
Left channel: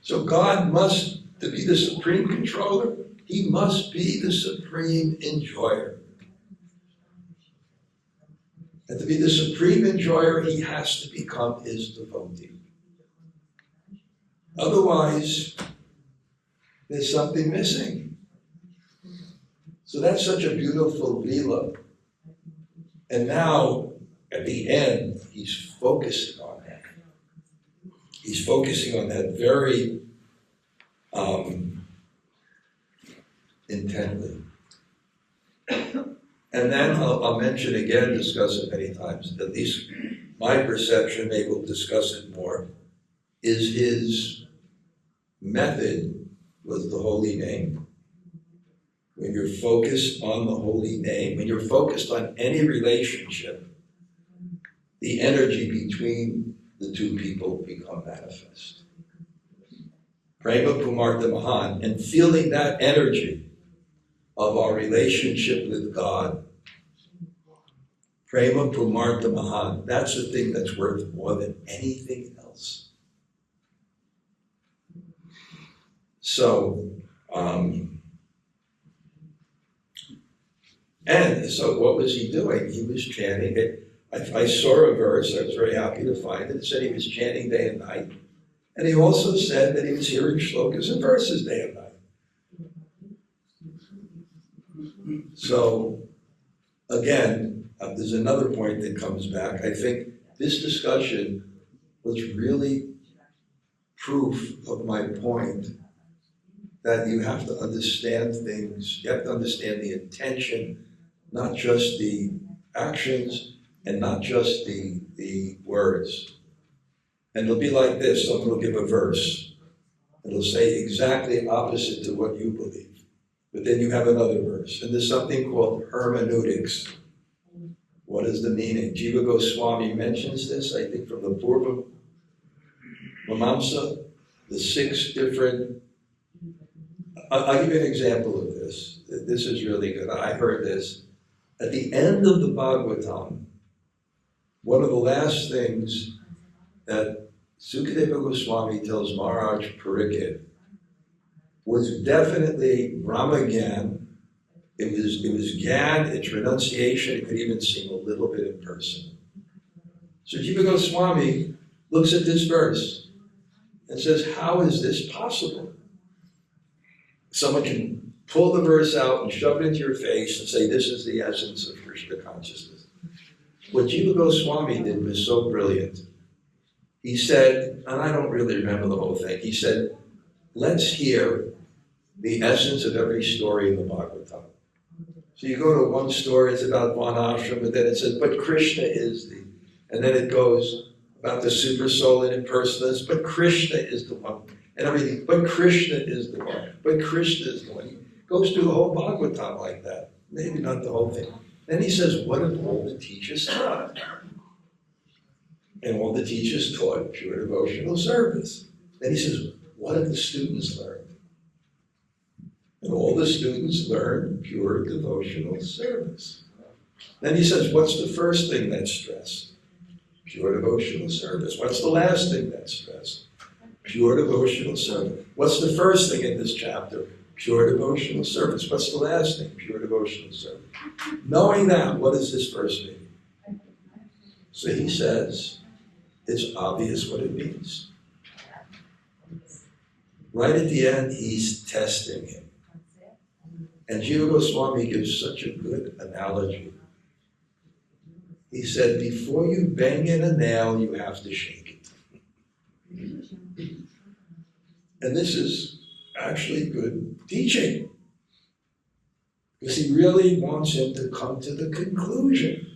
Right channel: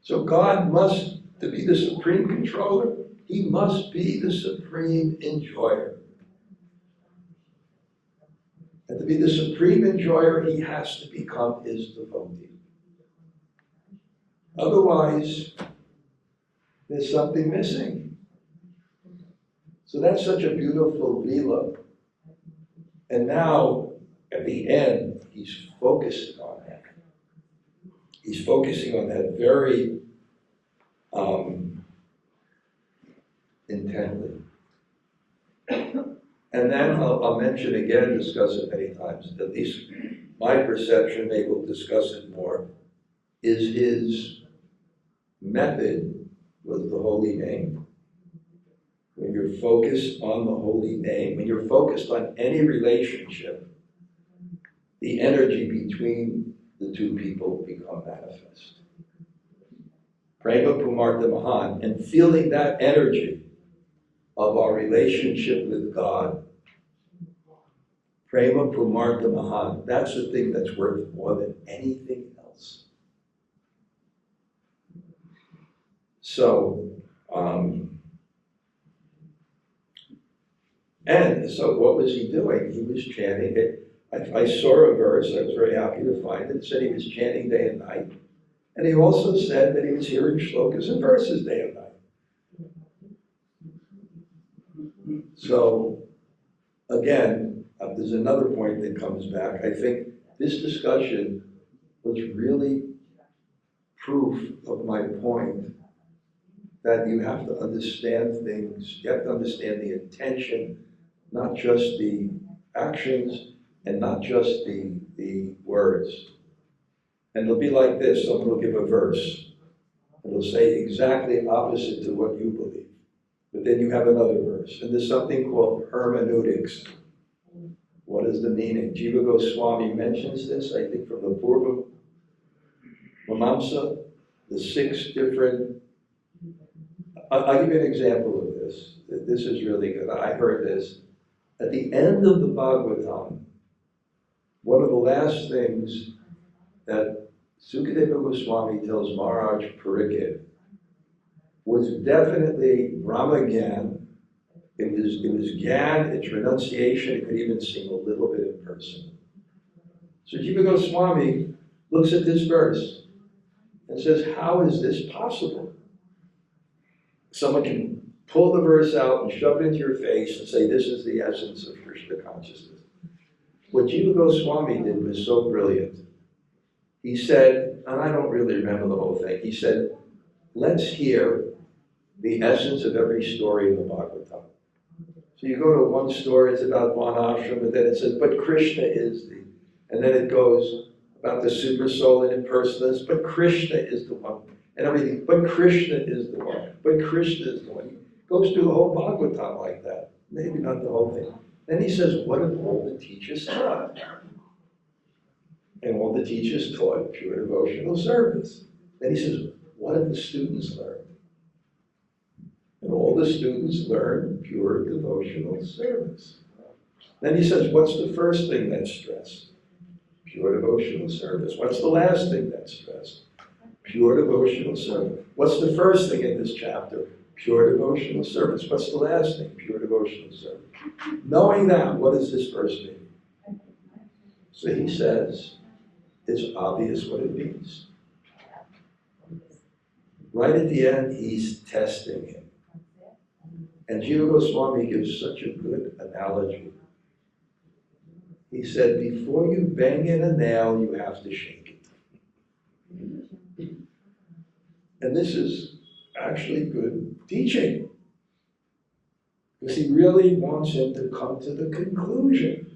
So God must, to be the supreme controller, he must be the supreme enjoyer. And to be the supreme enjoyer, he has to become his devotee. Otherwise, there's something missing. So that's such a beautiful lila. And now at the end, he's focusing on that. He's focusing on that very intently. And then I'll mention again, discuss it many times, at least my perception, maybe we'll discuss it more, is his method was the holy name. When you're focused on the holy name, when you're focused on any relationship, the energy between the two people become manifest. Prema Pumartha Mahan, and feeling that energy of our relationship with God, Prema Pumartha Mahan, that's the thing that's worth more than anything else. So, and so what was he doing? He was chanting it. I saw a verse, I was very happy to find it. It said he was chanting day and night. And he also said that he was hearing shlokas and verses day and night. So, again, there's another point that comes back. I think this discussion was really proof of my point that you have to understand things, you have to understand the intention, not just the actions, and not just the words. And it'll be like this, someone will give a verse, and it'll say exactly opposite to what you believe. But then you have another verse, and there's something called hermeneutics. What is the meaning? Jiva Goswami mentions this, I think, from the Purva Mimamsa, the 6 different. I'll give you an example of this. This is really good. I heard this. At the end of the Bhagavatam, one of the last things that Sukadeva Goswami tells Maharaj Pariksit was definitely Brahma Gyan. It was Gyan, its renunciation. It could even seem a little bit impersonal. So Jiva Goswami looks at this verse and says, how is this possible? Someone can pull the verse out and shove it into your face and say, this is the essence of Krishna consciousness. What Jiva Goswami did was so brilliant. He said, and I don't really remember the whole thing, he said, let's hear the essence of every story in the Bhagavatam. So you go to one story, it's about Varnashram, and then it says, but Krishna is the, and then it goes about the super soul and impersonalists, but Krishna is the one, and everything, but Krishna is the one, but Krishna is the one. He goes through the whole Bhagavatam like that, maybe not the whole thing. Then he says, what have all the teachers taught? And all the teachers taught pure devotional service. Then he says, what have the students learned? And all the students learned pure devotional service. Then he says, what's the first thing that's stressed? Pure devotional service. What's the last thing that's stressed? Pure devotional service. What's the first thing in this chapter? Pure devotional service. What's the last thing? Pure devotional service. Knowing that, what does this verse mean? So he says, it's obvious what it means. Right at the end, he's testing him. And Jiva Goswami gives such a good analogy. He said, before you bang in a nail, you have to shake it. And this is actually good teaching. Because he really wants him to come to the conclusion.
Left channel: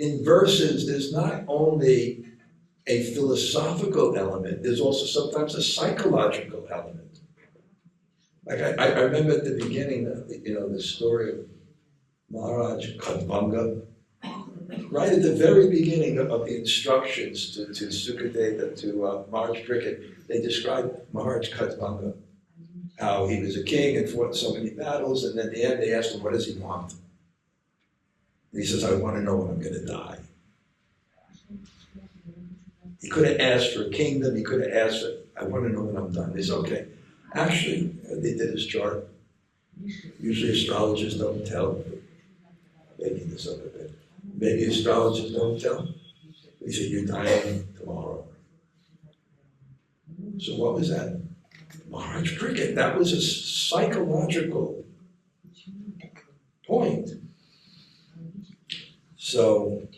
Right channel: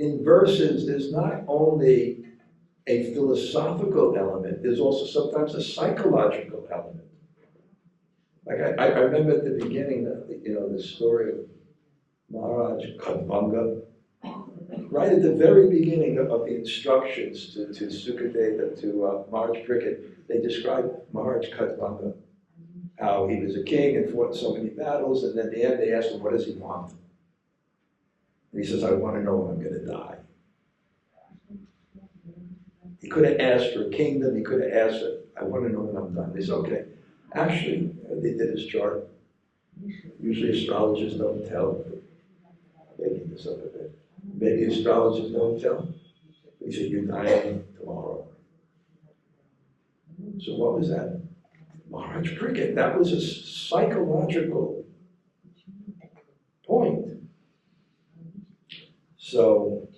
In verses, there's not only a philosophical element, there's also sometimes a psychological element. Like I remember at the beginning, the story of Maharaj Kadvanga. Right at the very beginning of the instructions to Sukadeva, to Maharaj Pariksit, they described Maharaj Kadvanga, how he was a king and fought so many battles, and then at the end they asked him, what does he want? And he says, I want to know when I'm going to die. He could have asked for a kingdom, he could have asked for, I want to know when I'm done. They said, okay. Actually, they did his chart. Usually astrologers don't tell. Making this up a bit. Maybe astrologers don't tell. He said, you're dying tomorrow. So what was that? Maharaj Pariksit. That was a psychological point. So,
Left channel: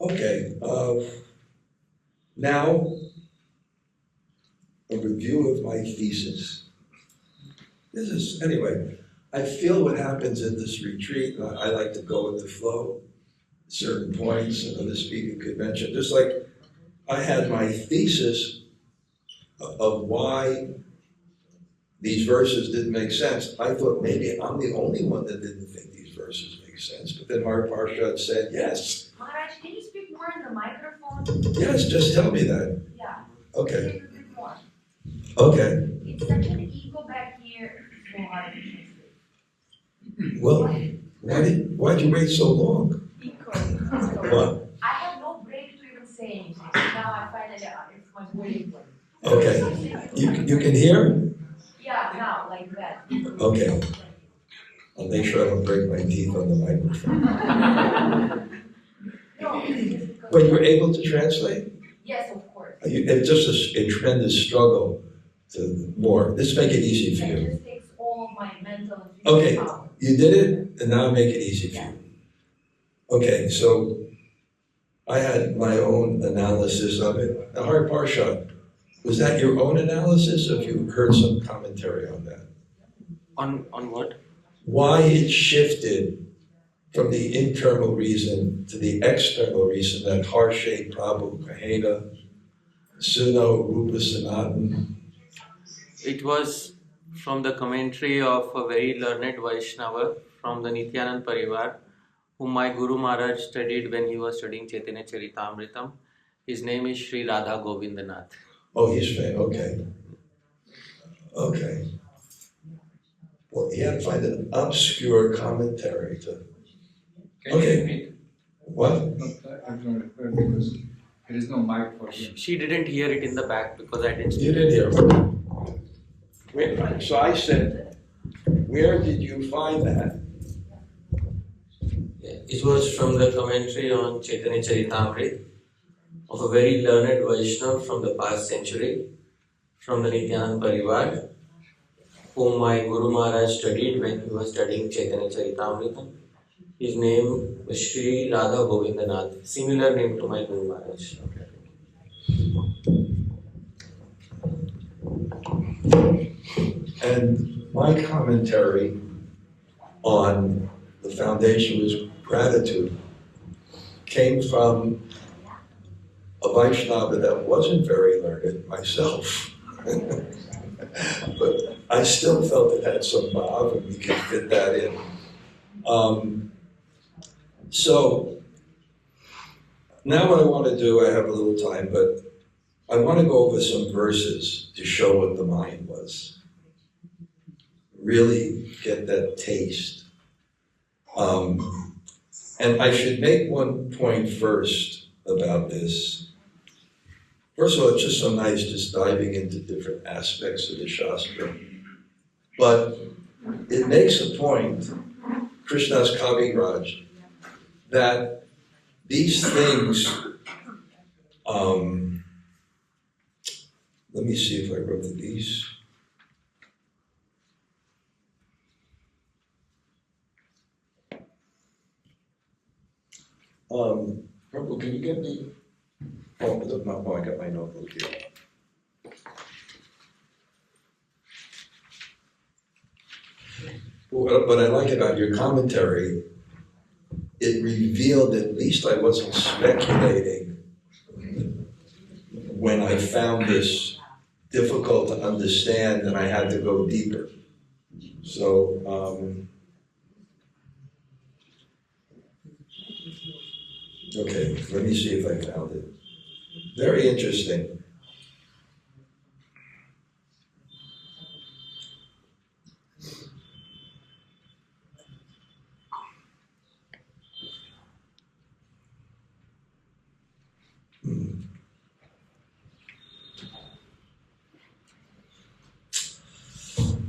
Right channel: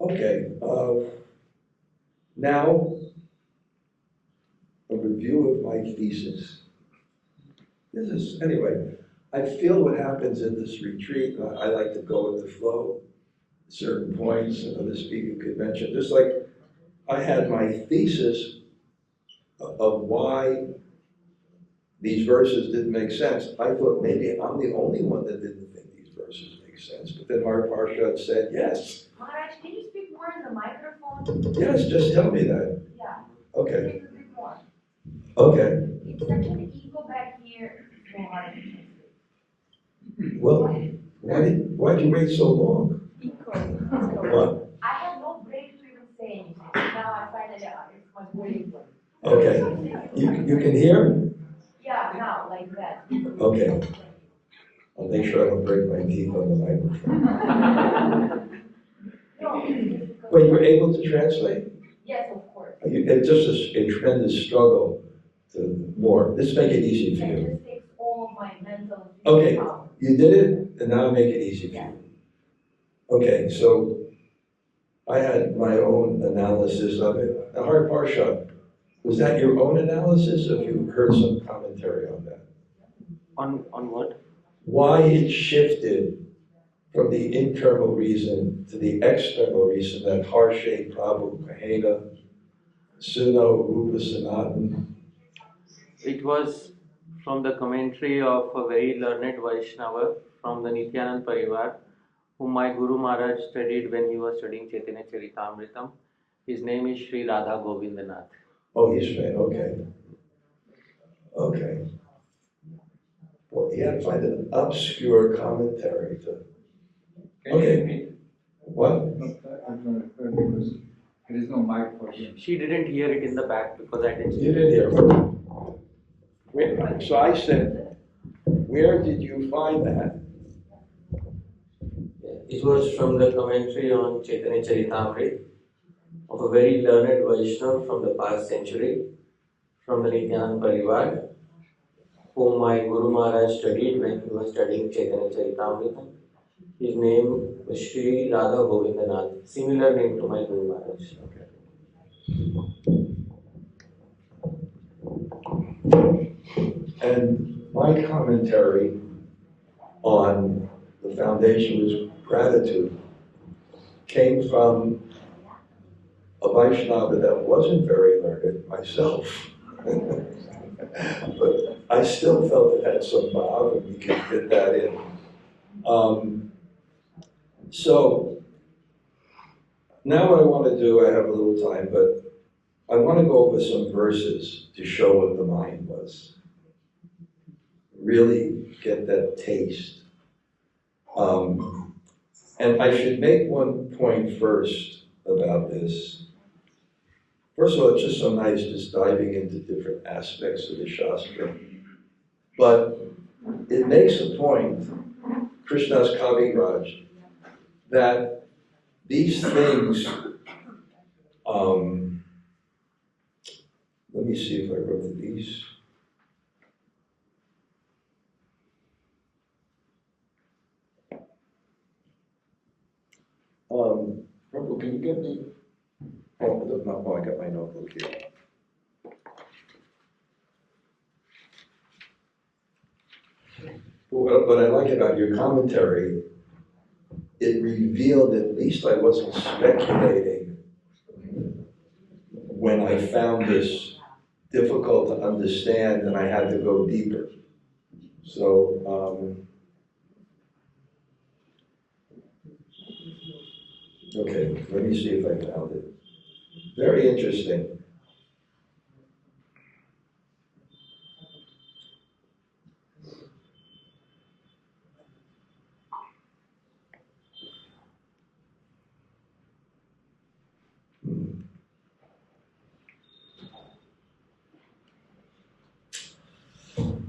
okay, now a review of my thesis. This is, anyway, I feel what happens in this retreat, I like to go with the flow, certain points, another speaker could mention, just like I had my thesis of why these verses didn't make sense. I thought maybe I'm the only one that didn't think these verses make sense, but then Har Parshad said, yes. Maharaj, can you speak more in the microphone? Yes, just tell me that. Yeah. Okay. Speak a bit more. Okay. It's such an ego back here. So hard to translate. Well, why'd you wait so long? Because What? I had no break to even say anything. Now I find that it's much more important. Okay. You can hear? Yeah, now, like that. Okay. I'll make sure I don't break my teeth on the microphone. No, it's just because. But you're able to translate? Yes, of course. It's just a tremendous struggle to more. This make it easy for It you. just takes all of my mental and Okay. physical power. You did it, and now make it easy for you. Okay, so I had my own analysis of it. The Har Parshad, was that your own analysis, or have you heard some commentary on that? On what? Why it shifted from the internal reason to the external reason that Harshe Prabhu Kahena, Suno Rupa Sanatan. It was from the commentary of a very learned Vaishnava from the Nityanand Parivar, whom my Guru Maharaj studied when he was studying Chaitanya Charitamritam. His name is Sri Radha Govindanath. Oh, he's famous, okay. Okay. Well, you had to find an obscure commentary to. Can you repeat? What? I'm not heard because there is no mic for him. She didn't hear it in the back because I didn't speak. You didn't hear. Wait, so I said, where did you find that? It was from the commentary on Chaitanya Charitamrita of a very learned Vaishnava from the past century, from the Nityanand Parivar, whom my Guru Maharaj studied when he was studying Chaitanya Charitamrita. His name was Sri Radha Govindanath, similar name to my Guru Maharaj. And my commentary on the foundation was gratitude came from a Vaishnava that wasn't very learned, myself. But I still felt it had some bhav and we could fit that in. So now what I want to do, I have a little time, but I want to go over some verses to show what the mind was. Really get that taste. And I should make one point first about this. First of all, it's just so nice just diving into different aspects of the shastra. But it makes a point, Krishna's Kaviraj, that these things, let me see if I wrote these. Prabhu, can you get me? Oh, I got my notebook here. What I like about your commentary, it revealed at least I wasn't speculating when I found this difficult to understand and I had to go deeper. So, okay, let me see if I found it. Very interesting.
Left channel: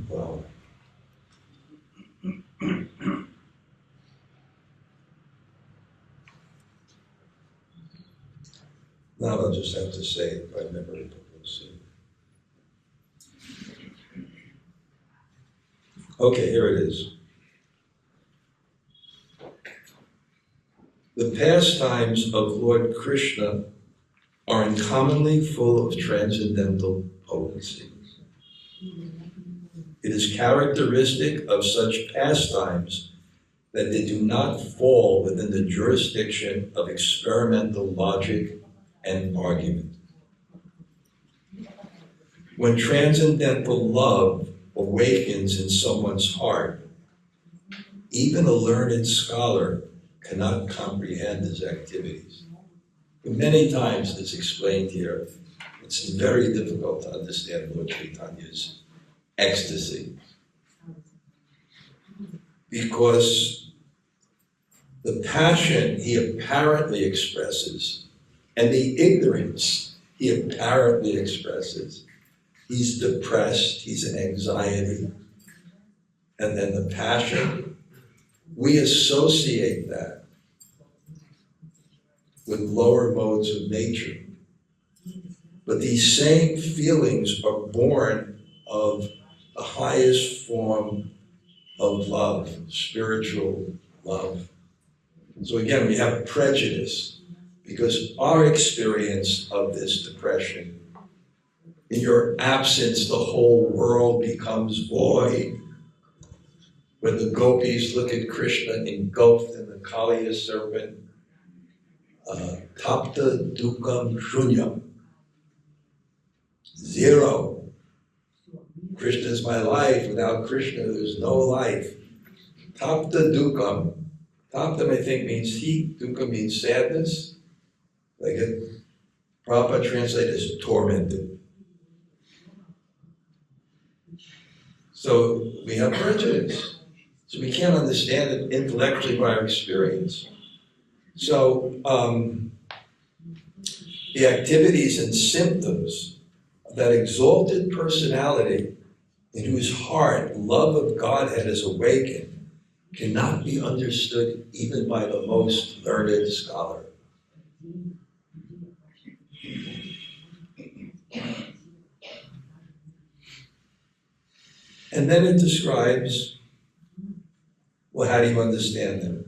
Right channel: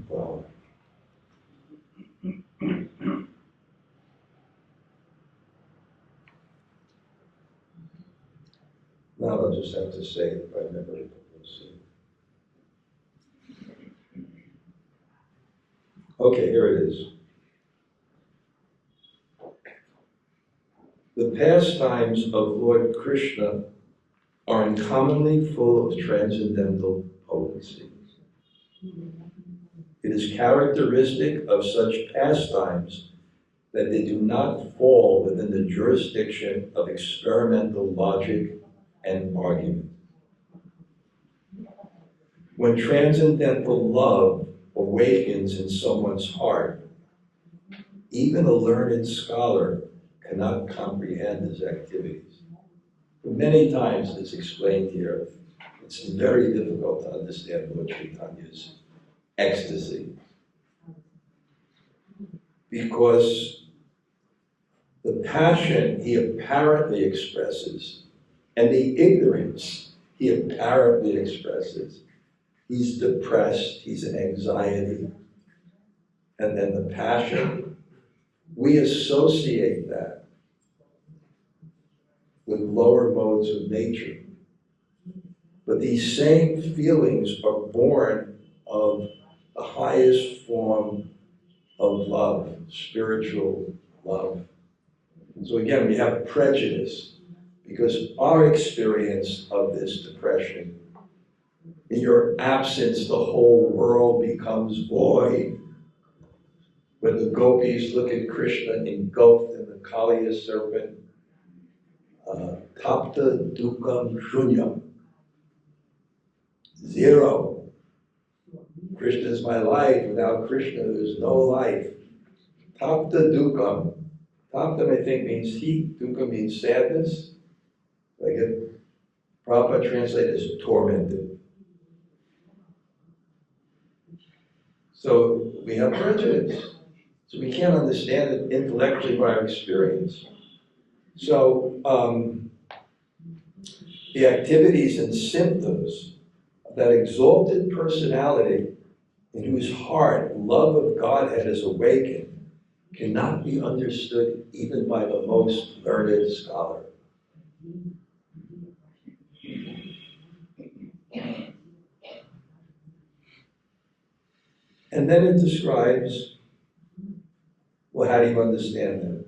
Wow. Now I'll just have to say it by memory, but we'll see. Okay, here it is. The pastimes of Lord Krishna are uncommonly full of transcendental potency. It is characteristic of such pastimes that they do not fall within the jurisdiction of experimental logic and argument. When transcendental love awakens in someone's heart, even a learned scholar cannot comprehend his activities. Many times it's explained here, it's very difficult to understand Lord Chaitanya's ecstasy, because the passion he apparently expresses and the ignorance he apparently expresses, he's depressed, he's in anxiety, and then the passion, we associate that with lower modes of nature. But these same feelings are born of the highest form of love, spiritual love. So again, we have prejudice because our experience of this depression, in your absence, the whole world becomes void. When the gopis look at Krishna engulfed in the Kaliya serpent, tapta dukam shunyam, zero. Krishna is my life. Without Krishna, there's no life. Tapta dukam. Tapta, I think, means heat. Dukkha means sadness. Like it, Prabhupada translated as tormented. So we have prejudice. So we can't understand it intellectually by our experience. So the activities and symptoms of that exalted personality in whose heart love of Godhead is awakened cannot be understood even by the most learned scholar. And then it describes, well, how do you understand them?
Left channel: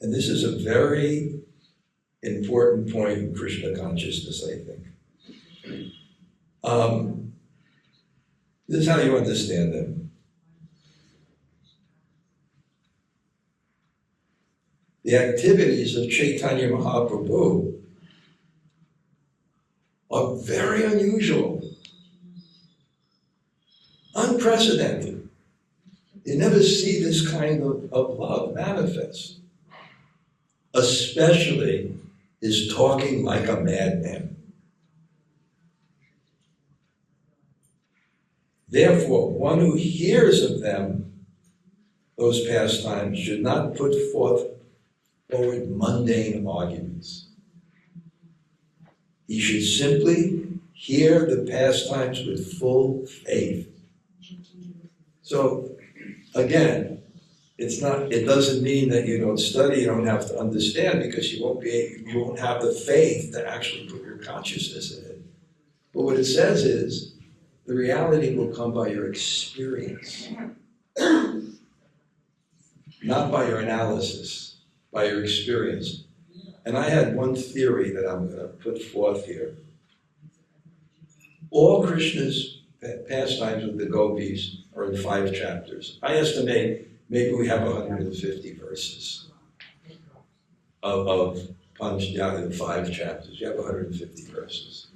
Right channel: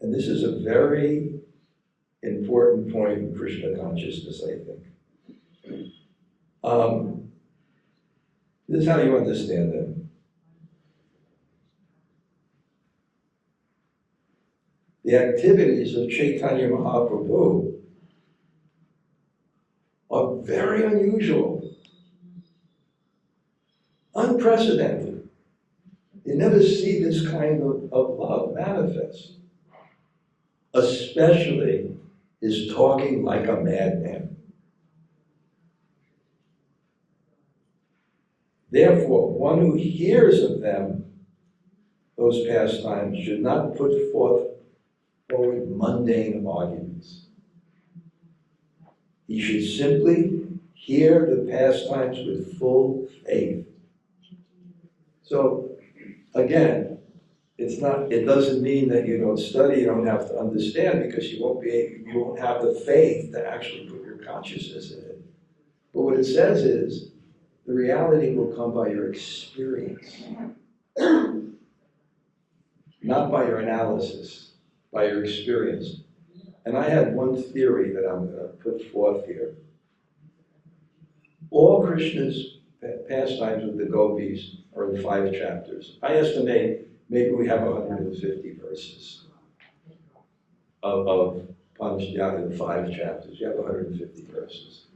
And this is a very important point in Krishna consciousness, I think. This is how you understand them. The activities of Chaitanya Mahaprabhu are very unusual, unprecedented. You never see this kind of love manifest, especially his talking like a madman. Therefore, one who hears of them, those pastimes, should not put forward mundane arguments. He should simply hear the pastimes with full faith. So, again, it doesn't mean that you don't study, you don't have to understand, because you won't have the faith to actually put your consciousness in it. But what it says is, the reality will come by your experience, not by your analysis, by your experience. And I had one theory that I'm going to put forth here. All Krishna's pastimes with the gopis are in 5 chapters. I estimate maybe we have 150 verses of Panchadhyaya in 5 chapters. You have 150 verses.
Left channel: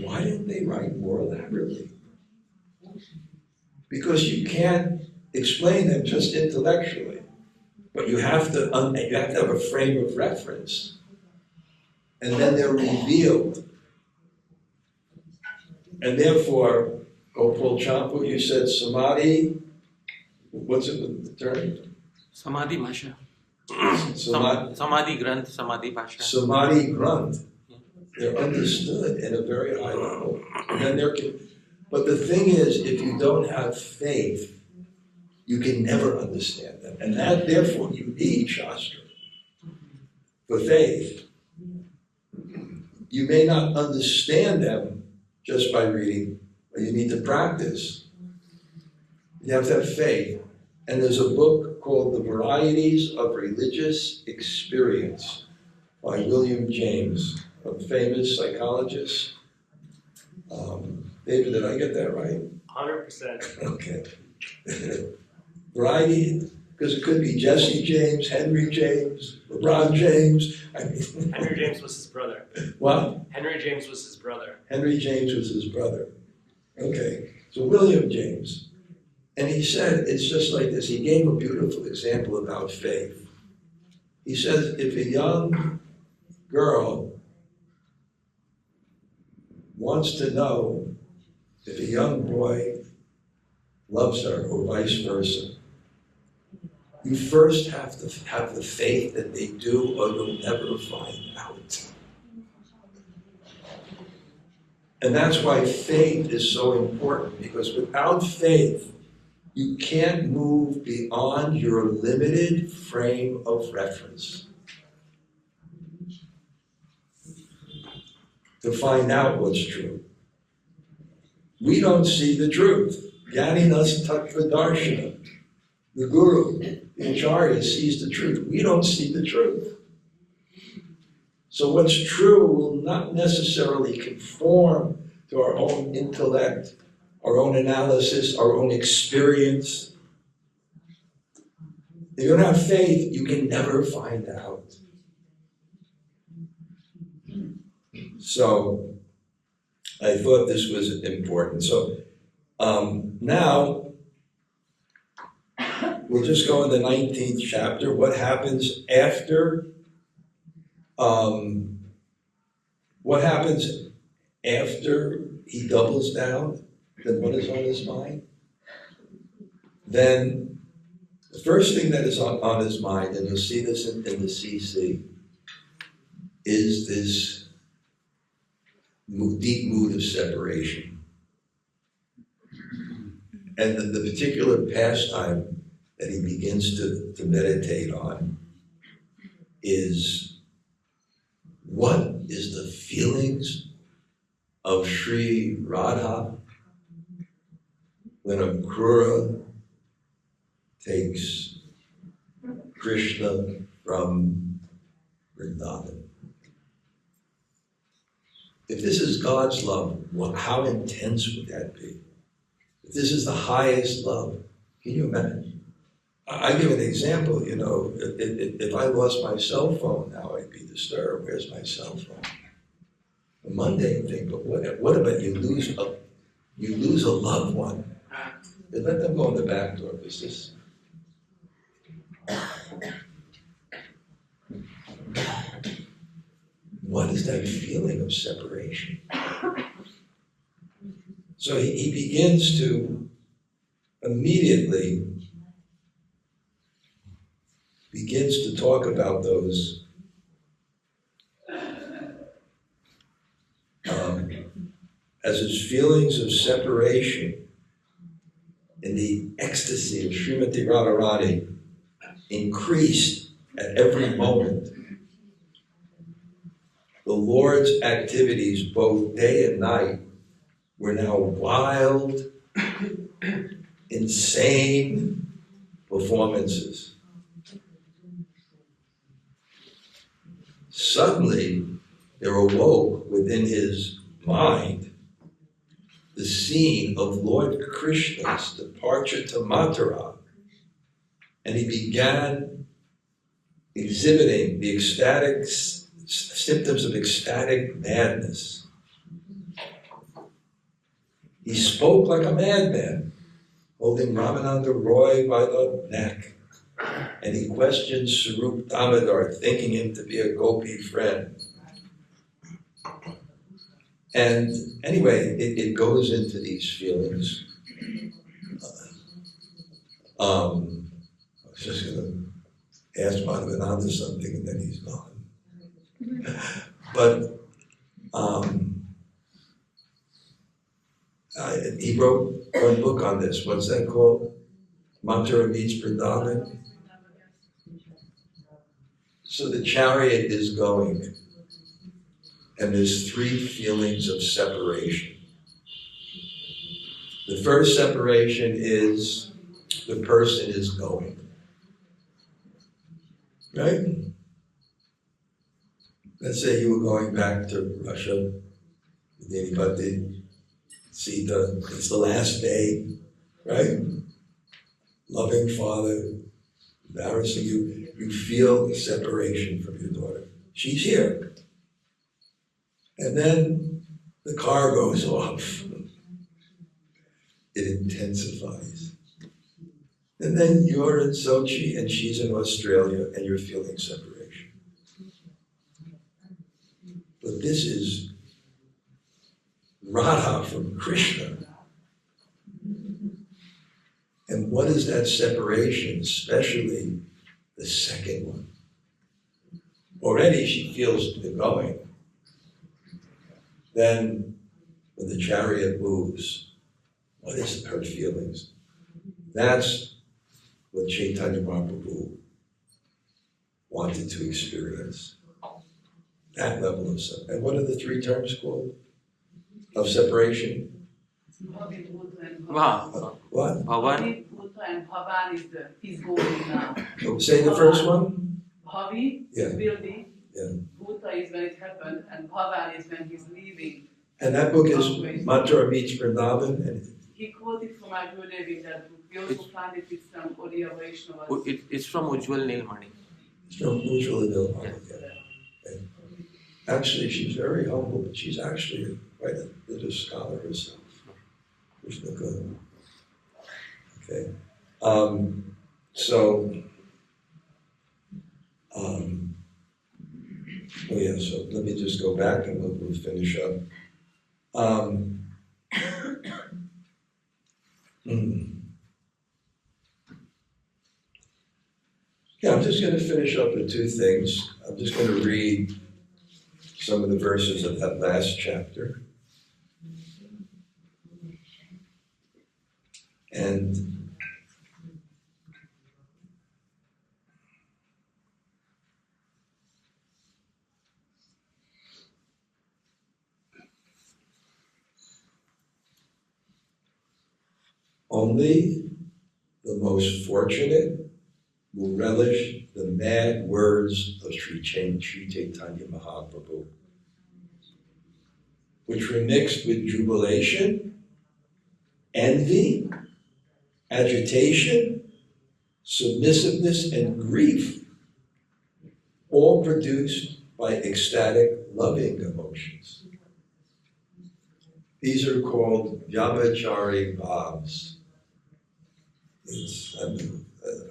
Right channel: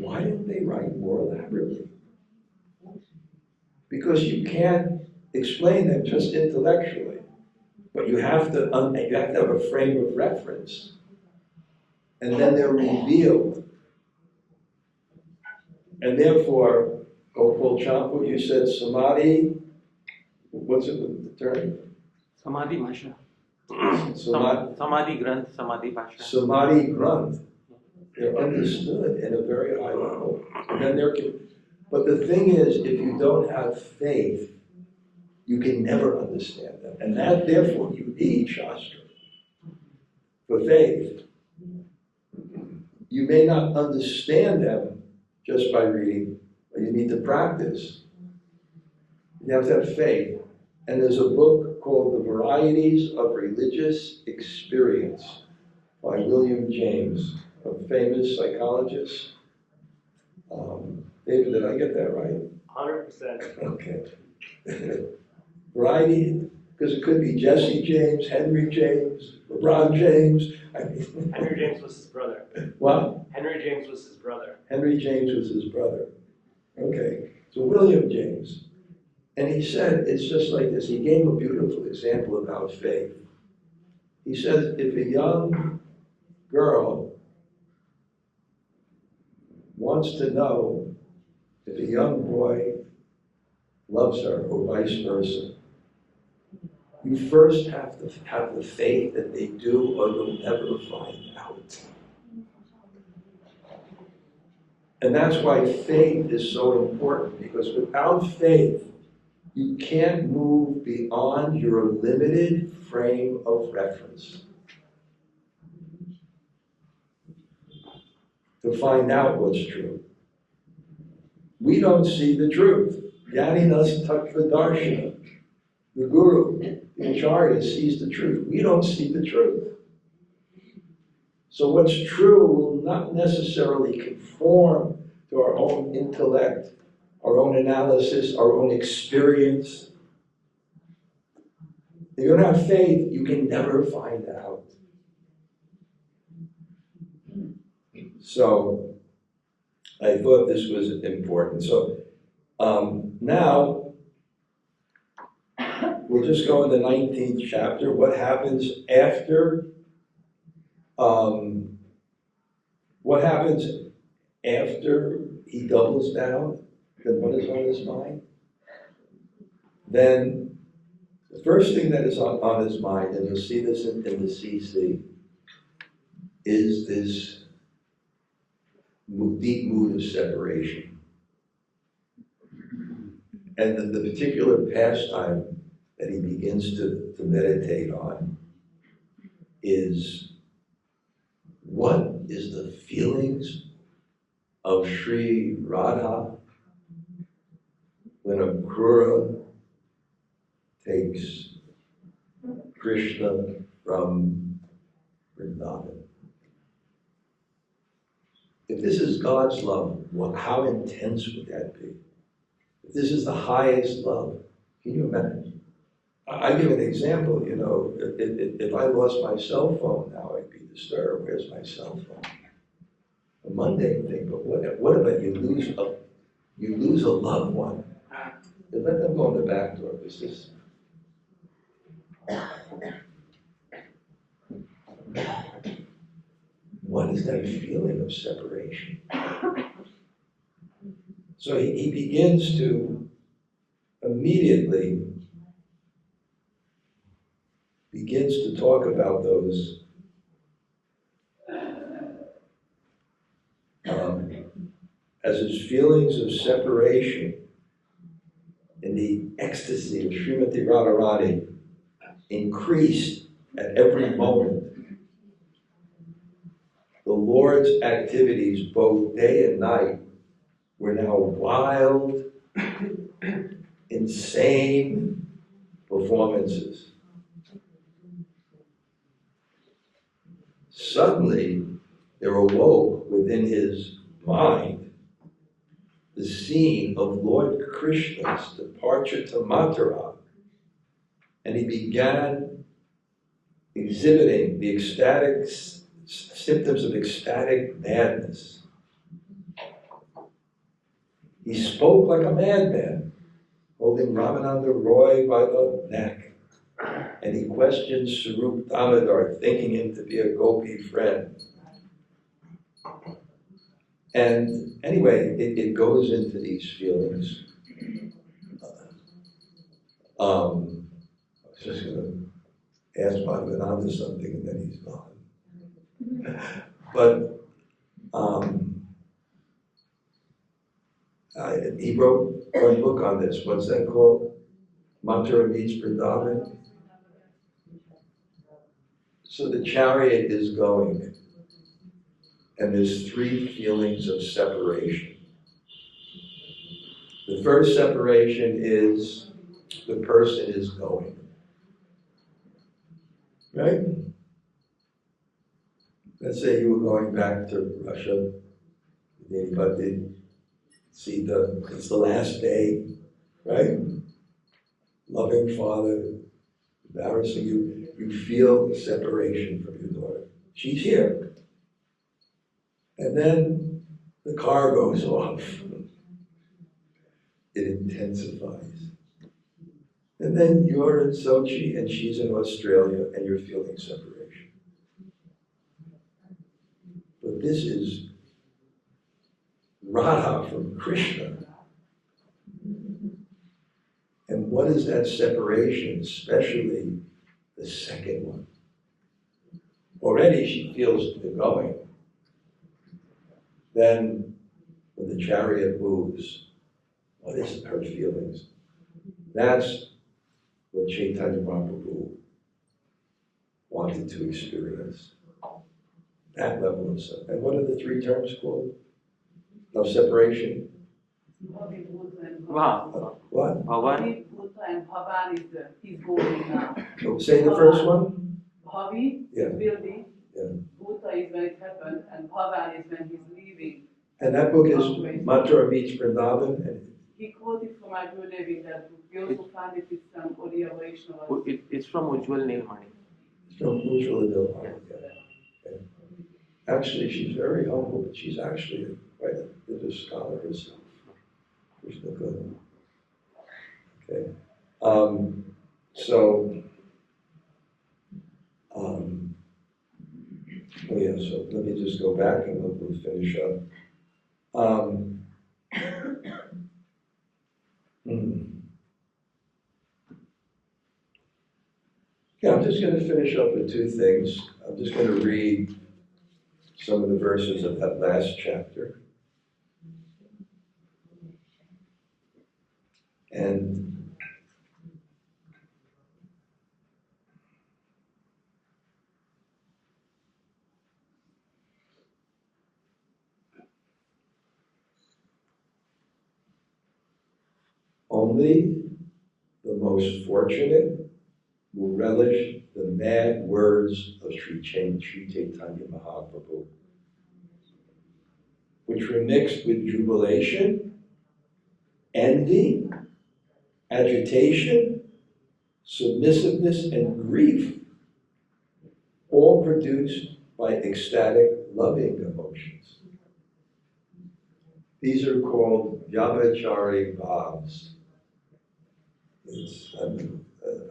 Why didn't they write more elaborately? Because you can't explain them just intellectually, but you have to have a frame of reference, and then they're revealed. And therefore, Gopal Champu, you said samadhi. What's it with the term? Samadhi Bhasha. Samadhi Granth, Samadhi Bhasha. Samadhi Granth. They're understood at a very high level. And then but the thing is, if you don't have faith, you can never understand them. And that, therefore, you need shastra for faith. You may not understand them just by reading But you need to practice. You have to have faith. And there's a book called The Varieties of Religious Experience by William James, a famous psychologist. David, did I get that right? 100%. Okay. Variety, because it could be Jesse James, Henry James, LeBron James. I mean, Henry James was his brother. what? Henry James was his brother. Henry James was his brother. Okay, so William James. And he said, it's just like this. He gave a beautiful example about faith. He says, if a young girl wants to know if a young boy loves her or vice versa, you first have to have the faith that they do, or you'll never find out. And that's why faith is so important, because without faith, you can't move beyond your limited frame of reference to find out what's true. We don't see the truth. Jnaninas tattva darshana. The guru, the acharya, sees the truth. We don't see the truth. So what's true will not necessarily conform to our own intellect, our own analysis, our own experience. If you don't have faith, you can never find out. So I thought this was important. So now we'll just go in the 19th chapter. What happens after? What happens after he doubles down? Then what is on his mind? Then the first thing that is on his mind, and you'll see this in the CC, is this deep mood of separation. And the particular pastime that he begins to meditate on is, what is the feelings of Sri Radha when a Krura takes Krishna from Vrindavan? If this is God's love, how intense would that be? If this is the highest love, can you imagine? I give an example, if I lost my cell phone now, I'd be disturbed. Where's my cell phone? A mundane thing, but what about you lose a loved one? You let them go in the back door, because this. What is that feeling of separation? So he begins to immediately talk about those as his feelings of separation in the ecstasy of Srimati Radharani increased at every moment. The Lord's activities, both day and night, were now wild, insane performances. Suddenly, there awoke within his mind the scene of Lord Krishna's departure to Mathura, and he began exhibiting the ecstatic symptoms of ecstatic madness. He spoke like a madman, holding Ramananda Roy by the neck, and he questioned Sarup Damodar, thinking him to be a gopi friend. And anyway, it goes into these feelings. I was just going to ask Madhavananda something, and then he's gone. But he wrote one book on this. What's that called? Mathura meets Vrindavan. So the chariot is going, and there's three feelings of separation. The first separation is the person is going. Right? Let's say you were going back to Russia with anybody, Sita, it's the last day, right? Loving father, embarrassing you, you feel separation from your daughter. She's here. And then the car goes off. It intensifies. And then you're in Sochi and she's in Australia and you're feeling separation. But this is Radha from Krishna. And what is that separation, especially the second one? Already she feels the going. Then when the chariot moves, what is her feelings? That's what Chaitanya Mahaprabhu wanted to experience. That level of separation. And what are the three terms called? Of separation? Wow. What? Bhavan. And Bhavan is he's going now. Say the first one? Bhavi Yeah. will be. Yeah. Bhuta is when it happened, and Bhavan is when he's leaving. And that book is Mantra meets Vrindavan. And He quoted from our Gurudev in that book. We also find it with some Gaudiya Vaishnava. It's from Ujjwal Nilmani. it's from Ujjwala Nilmani. Yeah. Actually, she's very humble, but she's actually quite a bit of scholar herself. Krishna Guru. Okay. So let me just go back and we'll finish up. Yeah, I'm just going to finish up with two things. I'm just going to read some of the verses of that last chapter. And only the most fortunate will relish the mad words of Sri Chaitanya Mahaprabhu, which were mixed with jubilation, envy, agitation, submissiveness, and grief, all produced by ecstatic, loving emotions. These are called Vyabhachari bhavs.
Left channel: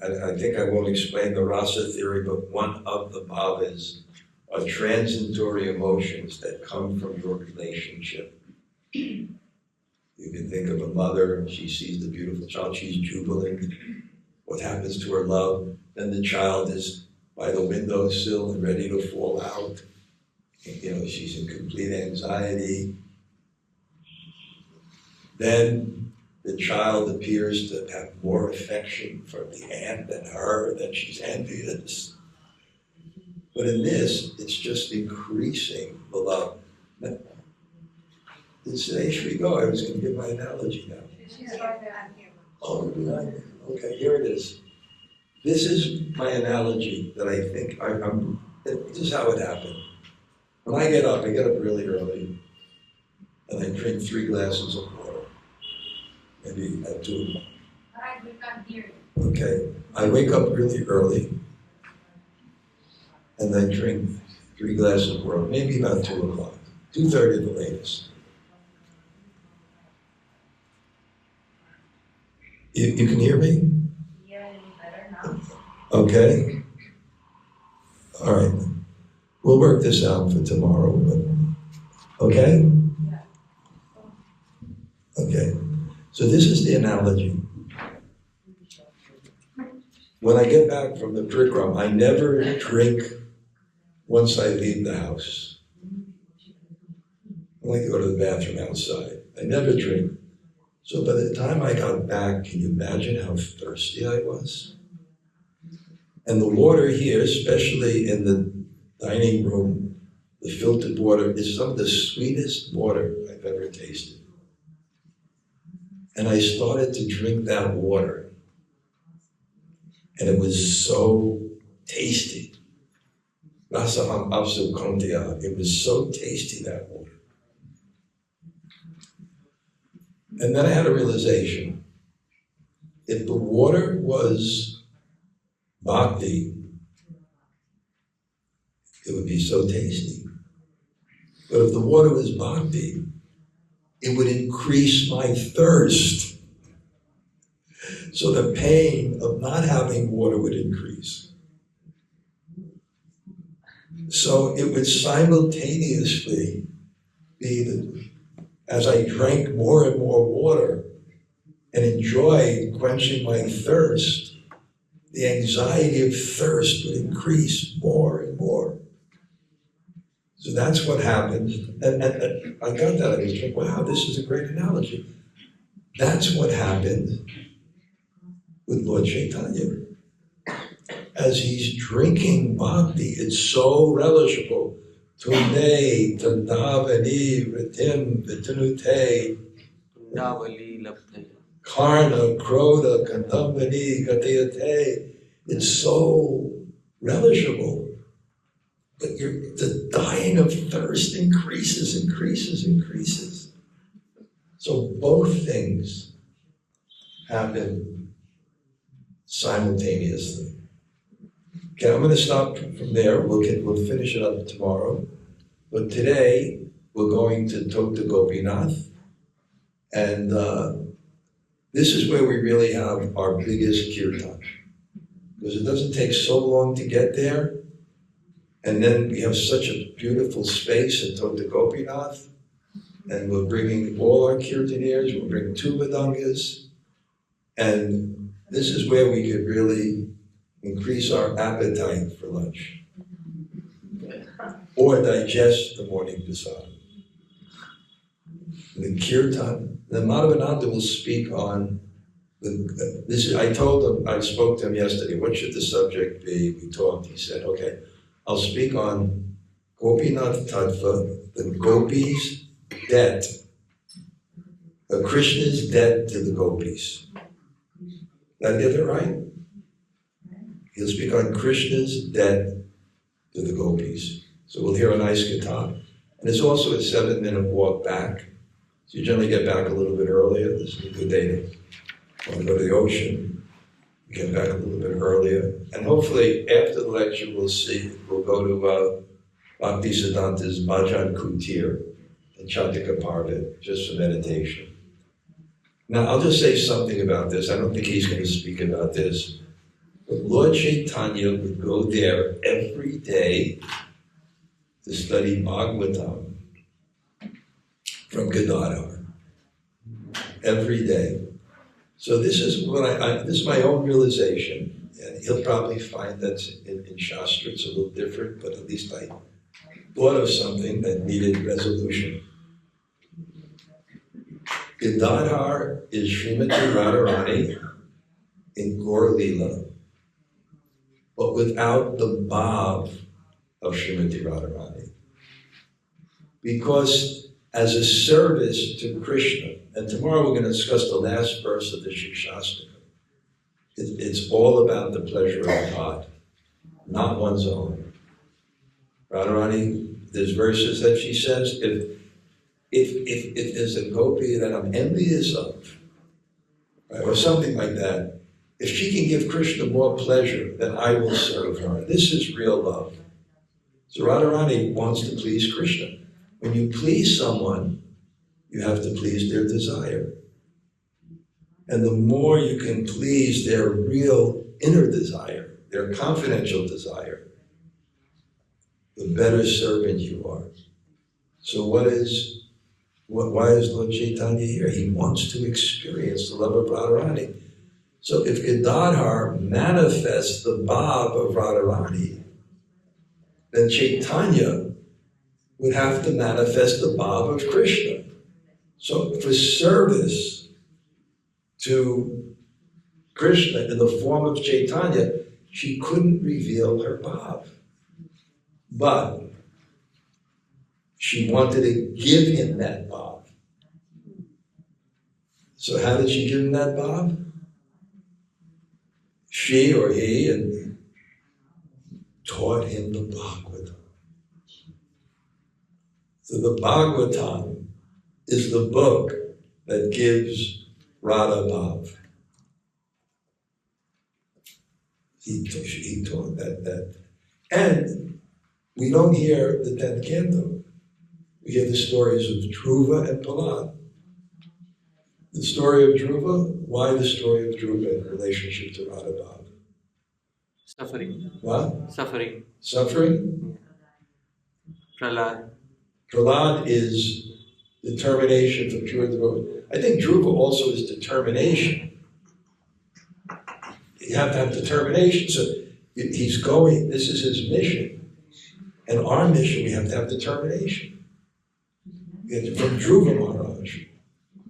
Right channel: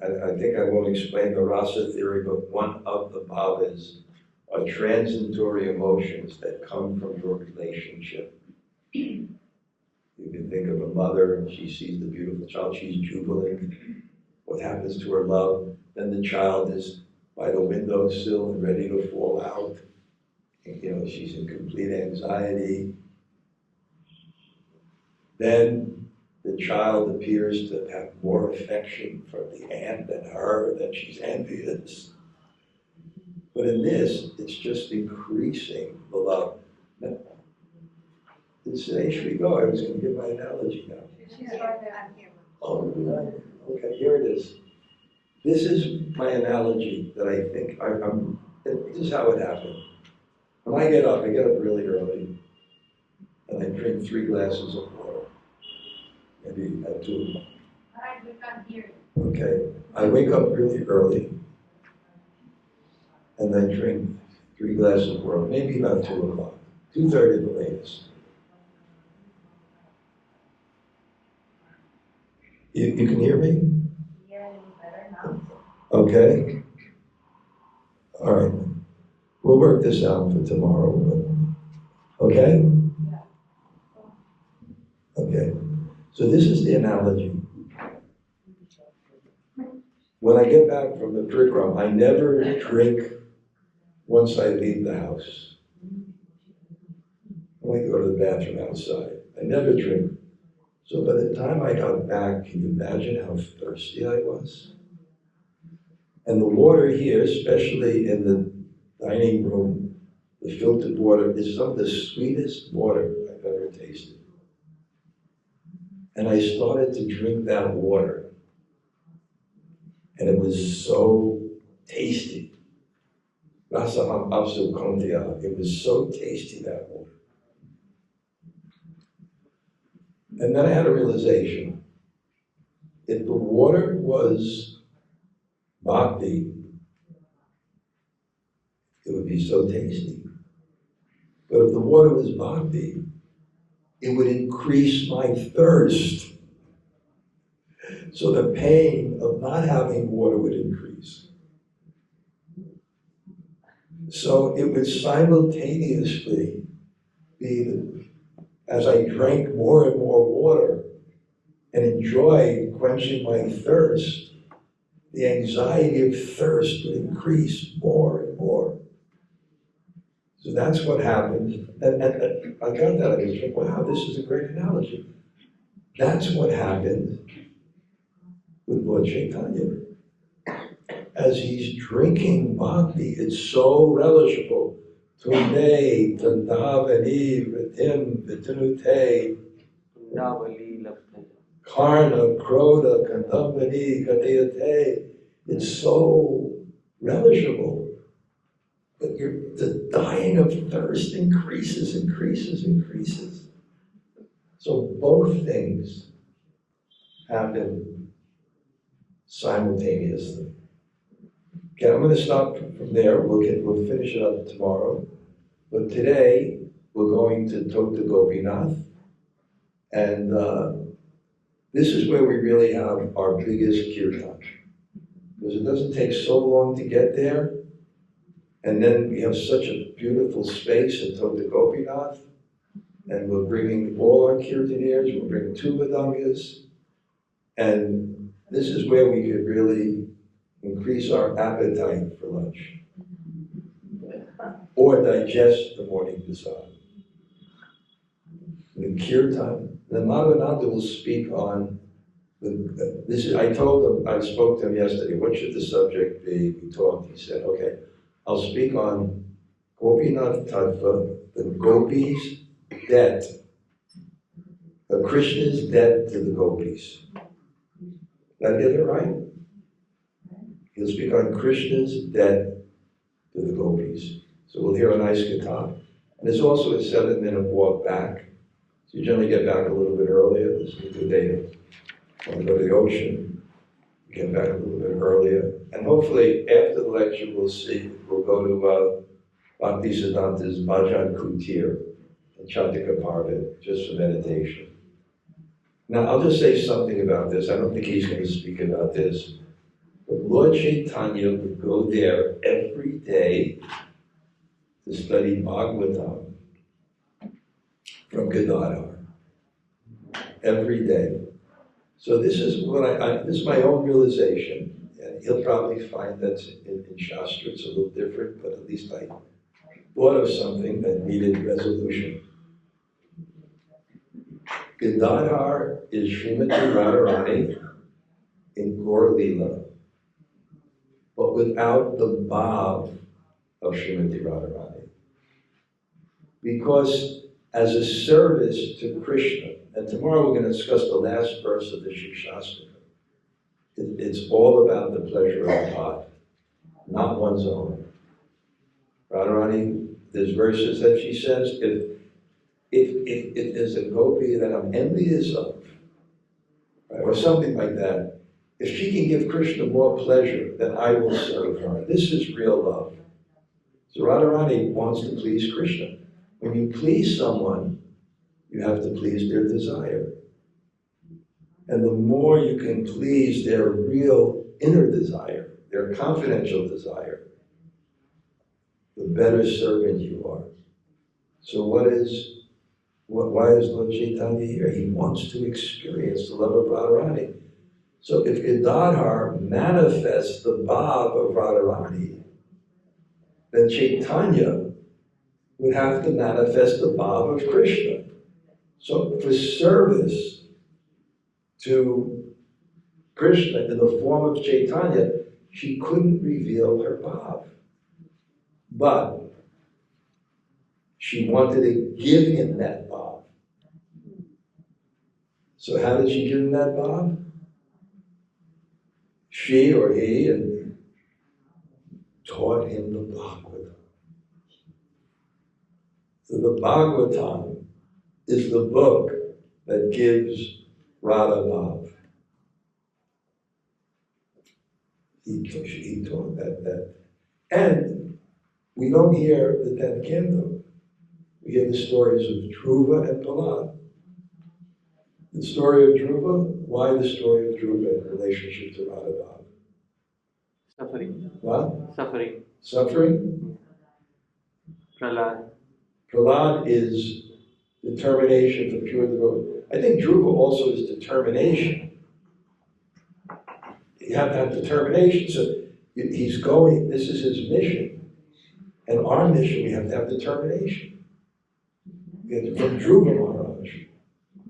I think I won't explain the rasa theory, but one of the bhavas are transitory emotions that come from your relationship. You can think of a mother, she sees the beautiful child, she's jubilant. What happens to her love? Then the child is by the windowsill and ready to fall out. She's in complete anxiety. Then the child appears to have more affection for the aunt than her, that she's envious. But in this, it's just increasing the love. Today, should we go? I was going to give my analogy now. She's right there, I'm here. Oh, okay, here it is. This is my analogy that I think this is how it happened. When I get up really early, and I drink 3 glasses of water. Maybe at 2 o'clock. Alright, we can't hear you. Okay, I wake up really early, and I drink 3 glasses of water, maybe about 2 o'clock, 2:30 the latest. You can hear me? Yeah, better now. Okay. All right. We'll work this out for tomorrow. Okay? Okay. So this is the analogy. When I get back from the program, I never drink once I leave the house. I like to go to the bathroom outside. I never drink. So by the time I got back, can you imagine how thirsty I was? And the water here, especially in the dining room, the filtered water is some of the sweetest water I've ever tasted. And I started to drink that water. And it was so tasty. Rasaham Apsu Kondia. It was so tasty, that water. And then I had a realization. If the water was bhakti, it would be so tasty. But if the water was bhakti, it would increase my thirst. So the pain of not having water would increase. So it would simultaneously be that as I drank more and more water and enjoyed quenching my thirst, the anxiety of thirst would increase more and more. So that's what happened. And I got that. I was like, wow, this is a great analogy. That's what happened with Lord Chaitanya. As he's drinking bhakti, it's so relishable. Tunde, Tandavani, Ritim, Vitanute, Kundavali Labdhaya. Karna, Krodha, Kandambani, Gatayate. It's so relishable. But the dying of thirst increases. So both things happen simultaneously. Okay, I'm going to stop from there. We'll finish it up tomorrow. But today we're going to talk to Gopinath, and this is where we really have our biggest kirtan, because it doesn't take so long to get there. And then we have such a beautiful space in Tota Gopinath, and we're bringing all our kirtaneers, we'll bring 2 Madangas, and this is where we could really increase our appetite for lunch, or digest the morning prasad. The kirtan, the Madhavananda will speak on, I spoke to him yesterday, what should the subject be? We talked, he said, okay, I'll speak on Gopinath Tattva, the gopis' debt, Krishna's debt to the gopis. Did I get that right? He'll speak on Krishna's debt to the gopis. So we'll hear a nice guitar. And there's also a 7-minute walk back. So you generally get back a little bit earlier. This is a good day to want to go to the ocean. Get back a little bit earlier. And hopefully after the lecture we'll go to Bhaktisiddhanta's Bhajan Kutir and Chandika Parvat, just for meditation. Now I'll just say something about this. I don't think he's going to speak about this. But Lord Chaitanya would go there every day to study Bhagavatam from Gadadhar. Every day. So this is what this is my own realization, and he'll probably find that in shastra it's a little different, but at least I thought of something that needed resolution. Gadadhar is Srimati Radharani in Gaur Lila, but without the bhav of Srimati Radharani. Because as a service to Krishna, and tomorrow we're going to discuss the last verse of the Shikshastra. It's all about the pleasure of God, not one's own. Radharani, there's verses that she says, if there's a gopi that I'm envious of, right, or something like that, if she can give Krishna more pleasure, then I will serve her. This is real love. So Radharani wants to please Krishna. When you please someone, you have to please their desire. And the more you can please their real inner desire, their confidential desire, the better servant you are. So why is Lord Chaitanya here? He wants to experience the love of Radharani. So if Gadadhar manifests the bhav of Radharani, then Chaitanya would have to manifest the bhav of Krishna. So for service to Krishna in the form of Chaitanya, she couldn't reveal her bhav. But she wanted to give him that bhav. So how did she give him that bhav? She or he and taught him the Bhagavatam. So the Bhagavatam is the book that gives Radha Bhav. He taught that. And we don't hear the 10th canto. We hear the stories of Dhruva and Prahlad. The story of Dhruva, why the story of Dhruva in relationship to Radha Bhav? Suffering. What? Suffering. Suffering? Prahlad. Prahlad is determination for pure devotion. I think Dhruva also is determination. You have to have determination. So he's going, this is his mission. And our mission, we have to have determination. From Dhruva Maharaj,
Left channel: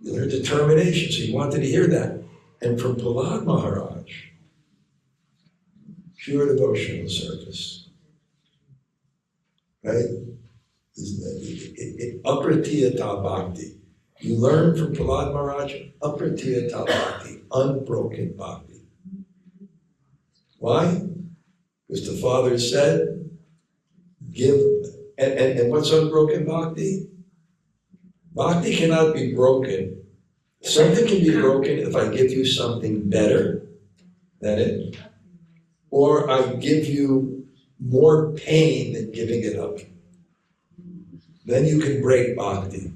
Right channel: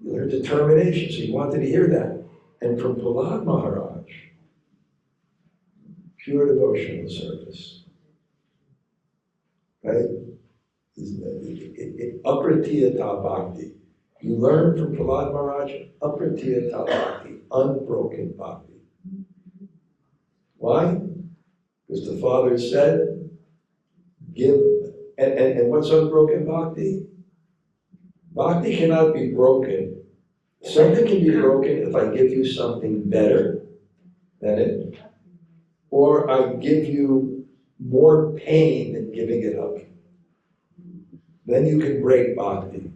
you learn determination. So he wanted to hear that. And from Prahlad Maharaj, pure devotional service. Right? Apratiyata bhakti. You learn from Prahlad Maharaj, apratiyata bhakti, unbroken bhakti. Why? Because the Father said, give, and what's unbroken bhakti? Bhakti cannot be broken. Something can be broken if I give you something better than it, or I give you more pain than giving it up. Then you can break bhakti.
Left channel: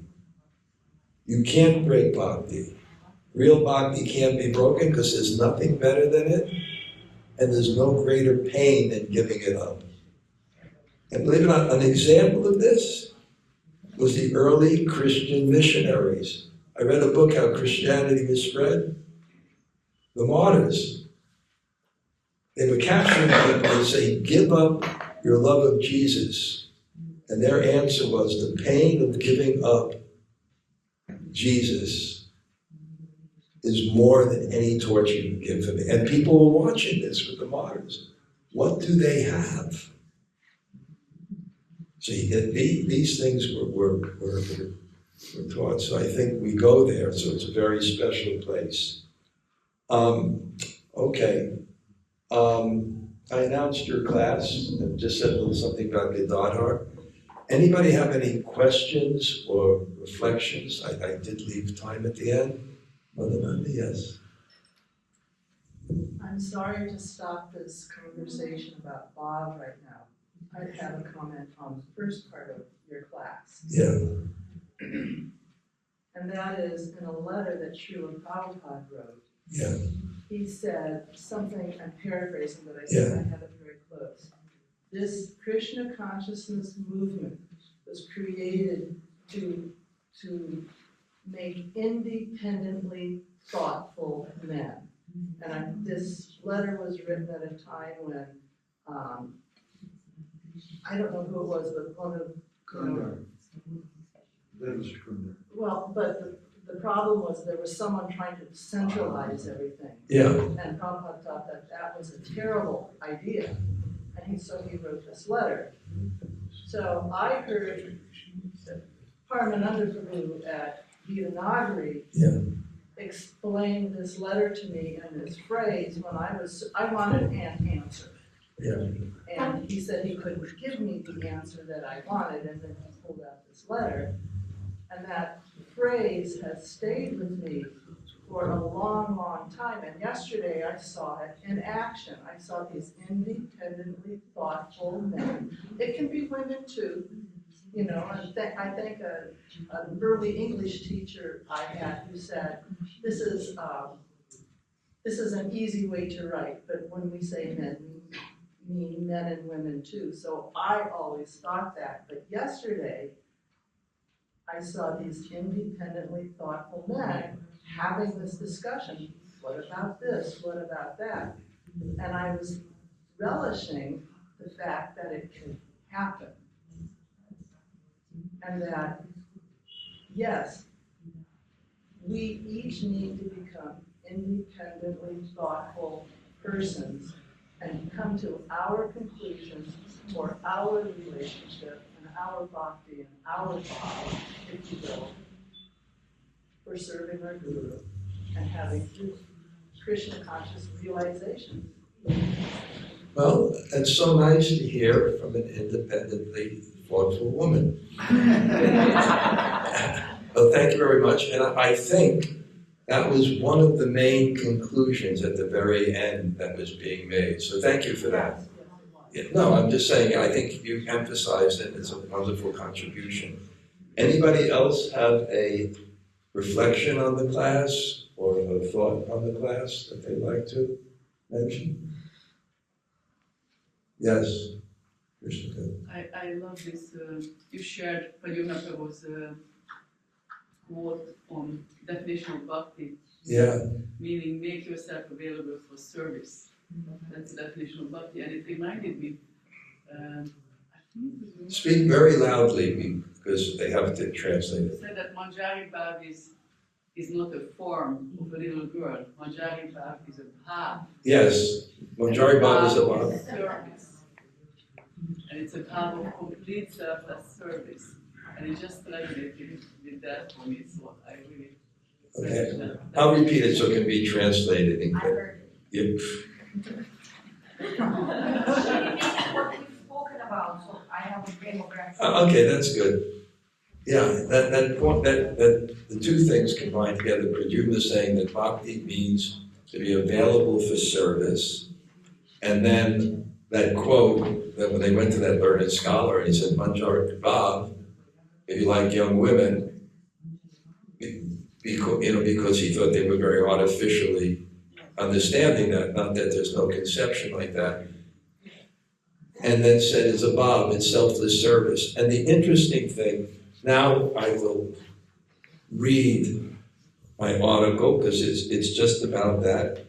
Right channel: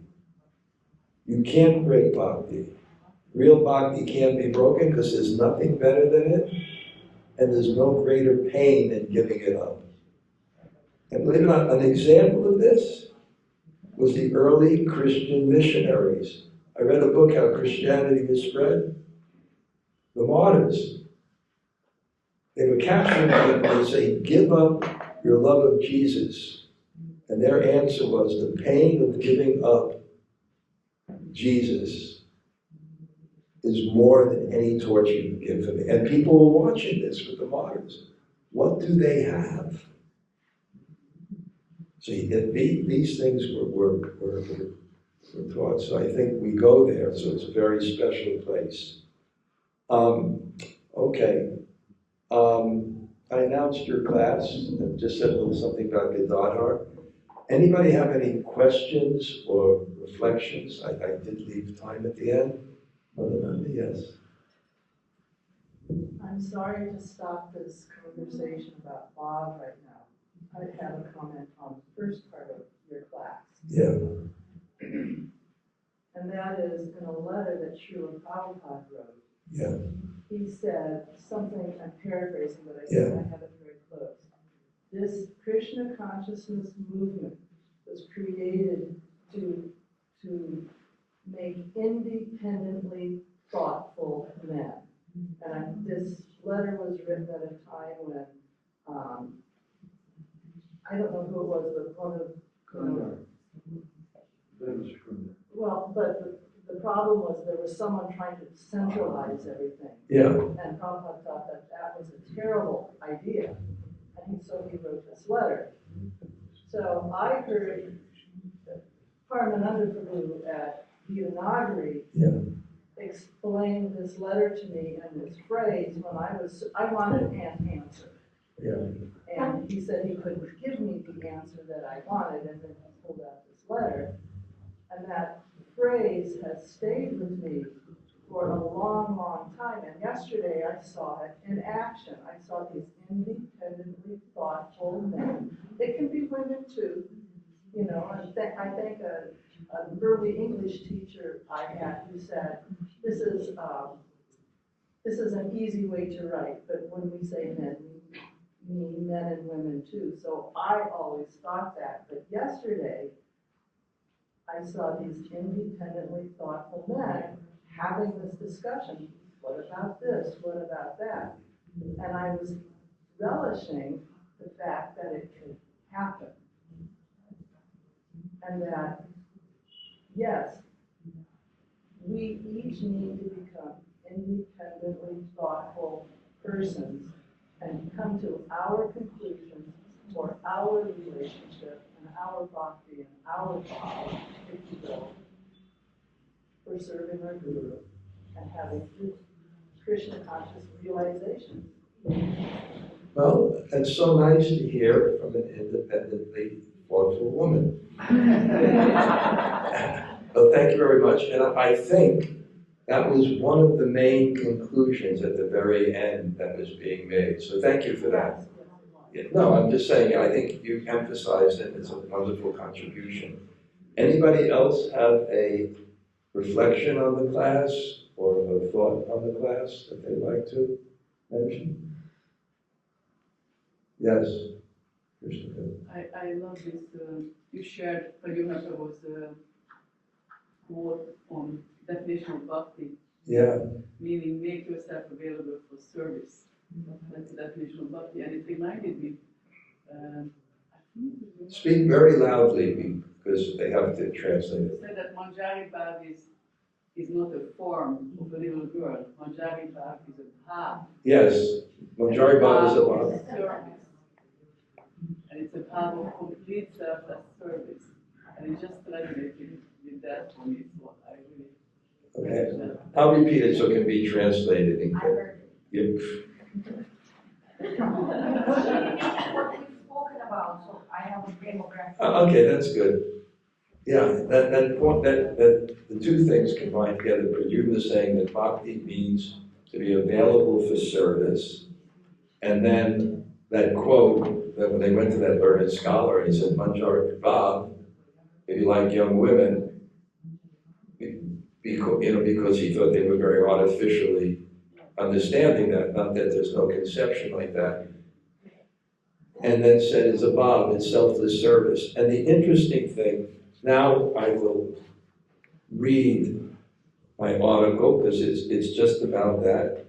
You can't break bhakti. Real bhakti can't be broken because there's nothing better than it, and there's no greater pain than giving it up. And believe it or not, an example of this was the early Christian missionaries. I read a book, How Christianity Was Spread. The martyrs. They were capturing people and saying, give up your love of Jesus. And their answer was, the pain of giving up Jesus is more than any torture you can give for me. And people were watching this with the martyrs. What do they have? See, these things were taught. So I think we go there, so it's a very special place. Okay. I announced your class and just said a little something about Dhanurdhara. Anybody have any questions or reflections? I did leave time at the end. Mother Nanda, yes. I'm sorry to stop this conversation about Bob right now. I have a comment on the first part of your class. Yeah. And that is in a letter that Srila Prabhupada wrote. Yeah. He said something, I'm paraphrasing, but I think Yeah. I have it very close. This Krishna consciousness movement was created to make independently thoughtful men. And this letter was written at a time when, I don't know who it was, but one of, Kundar. That was Kundar. well, but the problem was there was someone trying to centralize everything. Yeah. And Prabhupada thought that that was a terrible idea. And so he wrote this letter. So I heard Paramananda Prabhu at Deepen explain this letter to me and this phrase when I wanted an answer. Yeah. And he said he couldn't give me the answer that I wanted, and then he pulled out this letter. And that phrase has stayed with me for a long, long time. And yesterday I saw it in action. I saw these independently thoughtful men. It can be women too, you know. And I think an early English teacher I had who said, this is an easy way to write, but when we say men, we mean men and women too. So I always thought that. But yesterday, I saw these independently thoughtful men having this discussion. What about this? What about that? And I was relishing the fact that it could happen. And that, yes, we each need to become independently thoughtful persons and come to our conclusions for our relationship and our bhakti and our bhava, if you will, for serving our Guru. and having Krishna conscious realization. Well, it's so nice to hear from an independently thoughtful woman. Well, thank you very much, and I think that was one of the main conclusions at the very end that was being made, so thank you for that. Yeah, no, I'm just saying, I think you emphasized it, it's a wonderful contribution. Anybody else have a reflection on the class or a thought on the class that they'd like to mention? Yes. I love this, you shared Pradyumna Prabhu's quote on definition of bhakti. Yeah. Meaning make yourself available for service. That's the definition of bhakti, and it reminded me, Speak very loudly because they have to translate it. Said that Manjari Bhav is not a form of a little girl. Manjari Bhav is a bhav. Yes, Manjari Bhav is a bhav. Is service. And it's a bhav of complete selfless service. And it just resonated with that for me, so I really Okay. I'll repeat it so it can be translated. I heard Yep. what we've spoken about, so I have a demographic. Okay, that's good. Yeah, that point, that the two things combined together. Pradyumna saying that bhakti means to be available for service, and then that quote that when they went to that learned scholar, he said, Manjari Bhav, if you like young women, because he thought they were very artificially understanding that, not that there's no conception like that. And then said it's a bhav, it's selfless service. And the interesting thing, now I will read my article because it's just about that.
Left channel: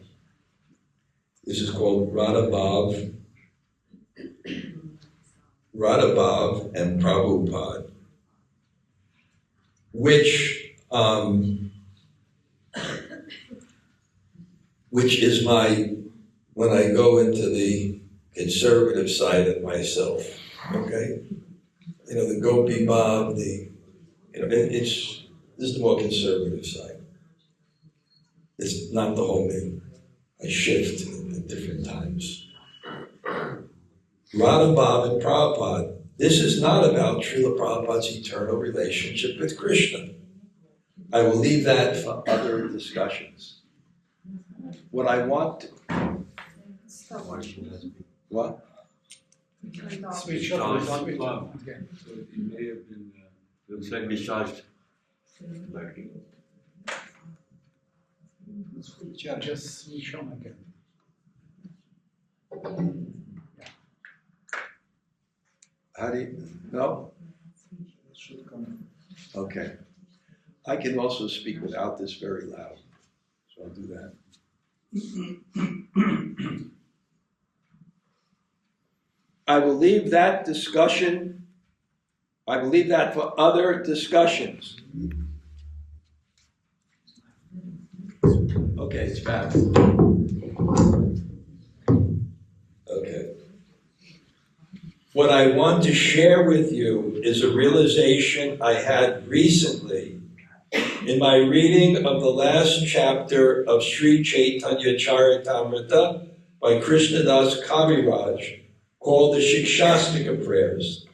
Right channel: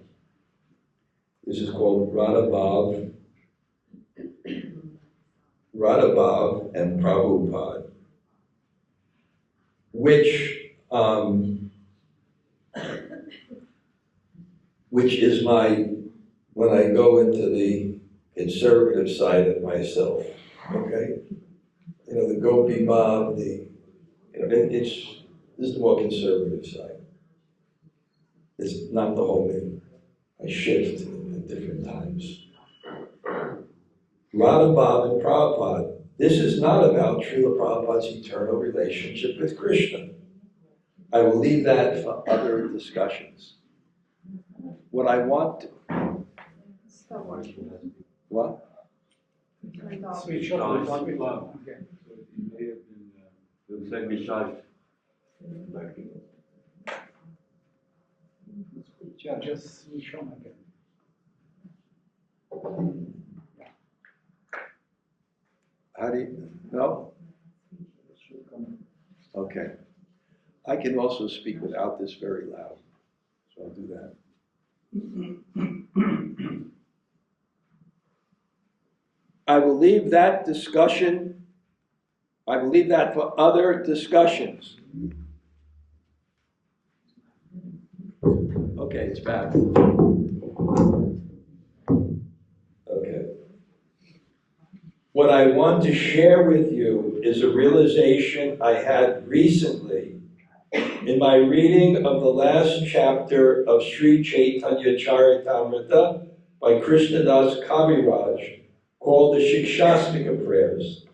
This is called Radha Bhav and Prabhupada, which is when I go into the conservative side of myself, okay? The Gopi Bhav, this is the more conservative side. It's not the whole me. I shift at different times. Radha Bhav and Prabhupada. This is not about Srila Prabhupada's eternal relationship with Krishna. I will leave that for other discussions. What I want to... What? Switch off. So it may have been, Looks like discharged. yeah, just switch on again. How do you... No? It should come. Okay. I can also speak without this very loud, so I'll do that. I will leave that discussion, I will leave that for other discussions. Okay, it's back. Okay. What I want to share with you is a realization I had recently in my reading of the last chapter of Sri Chaitanya Charitamrita by Krishnadas Kaviraj, called the Shikshastika Prayers.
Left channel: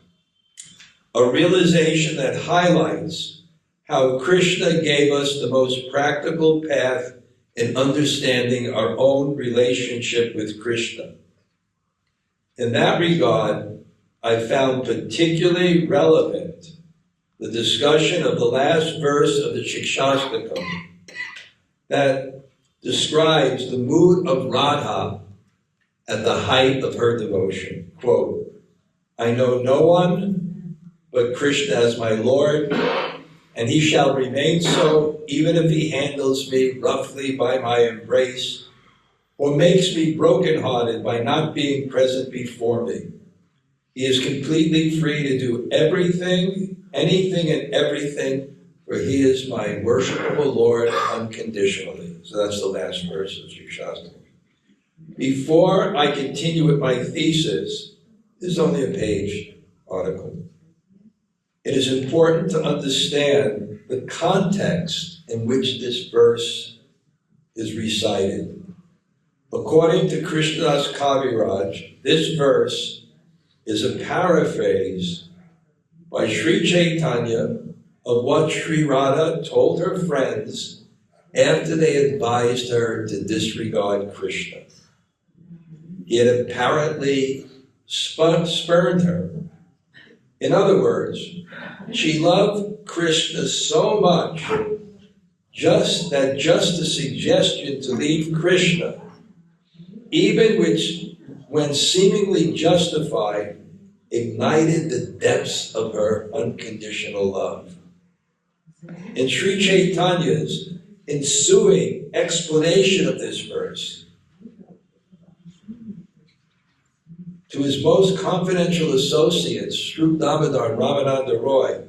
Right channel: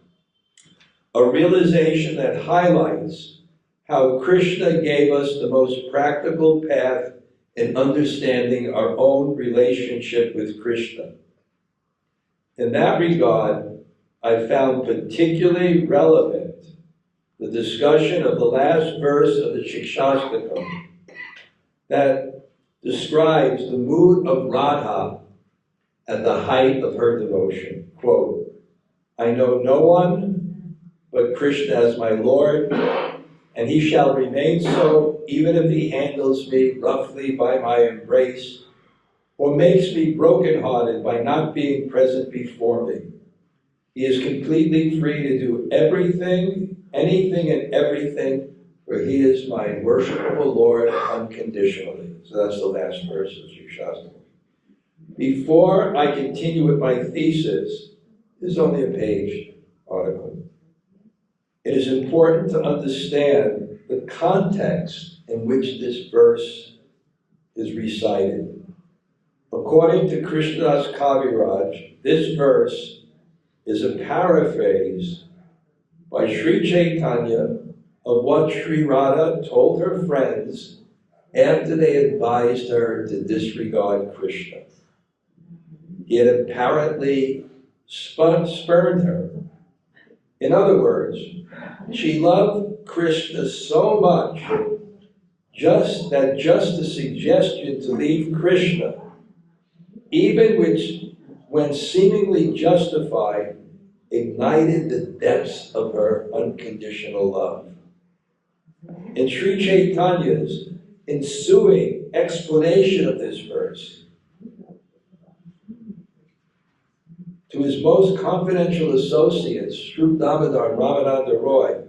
A realization that highlights how Krishna gave us the most practical path in understanding our own relationship with Krishna. In that regard, I found particularly relevant the discussion of the last verse of the Shikshastakam that describes the mood of Radha at the height of her devotion. Quote, I know no one but Krishna as my Lord, and he shall remain so even if he handles me roughly by my embrace or makes me brokenhearted by not being present before me. He is completely free to do everything, anything and everything, for he is my worshipable Lord unconditionally. So that's the last verse of Shikshastakam. Before I continue with my thesis, this is only a page article. It is important to understand the context in which this verse is recited. According to Krishnadas Kaviraj, this verse is a paraphrase by Sri Chaitanya of what Sri Radha told her friends after they advised her to disregard Krishna. He had apparently spurned her. In other words, she loved Krishna so much just the suggestion to leave Krishna, even when seemingly justified, ignited the depths of her unconditional love. In Sri Chaitanya's ensuing explanation of this verse, to his most confidential associates, Sri Damodar and Ramananda Roy,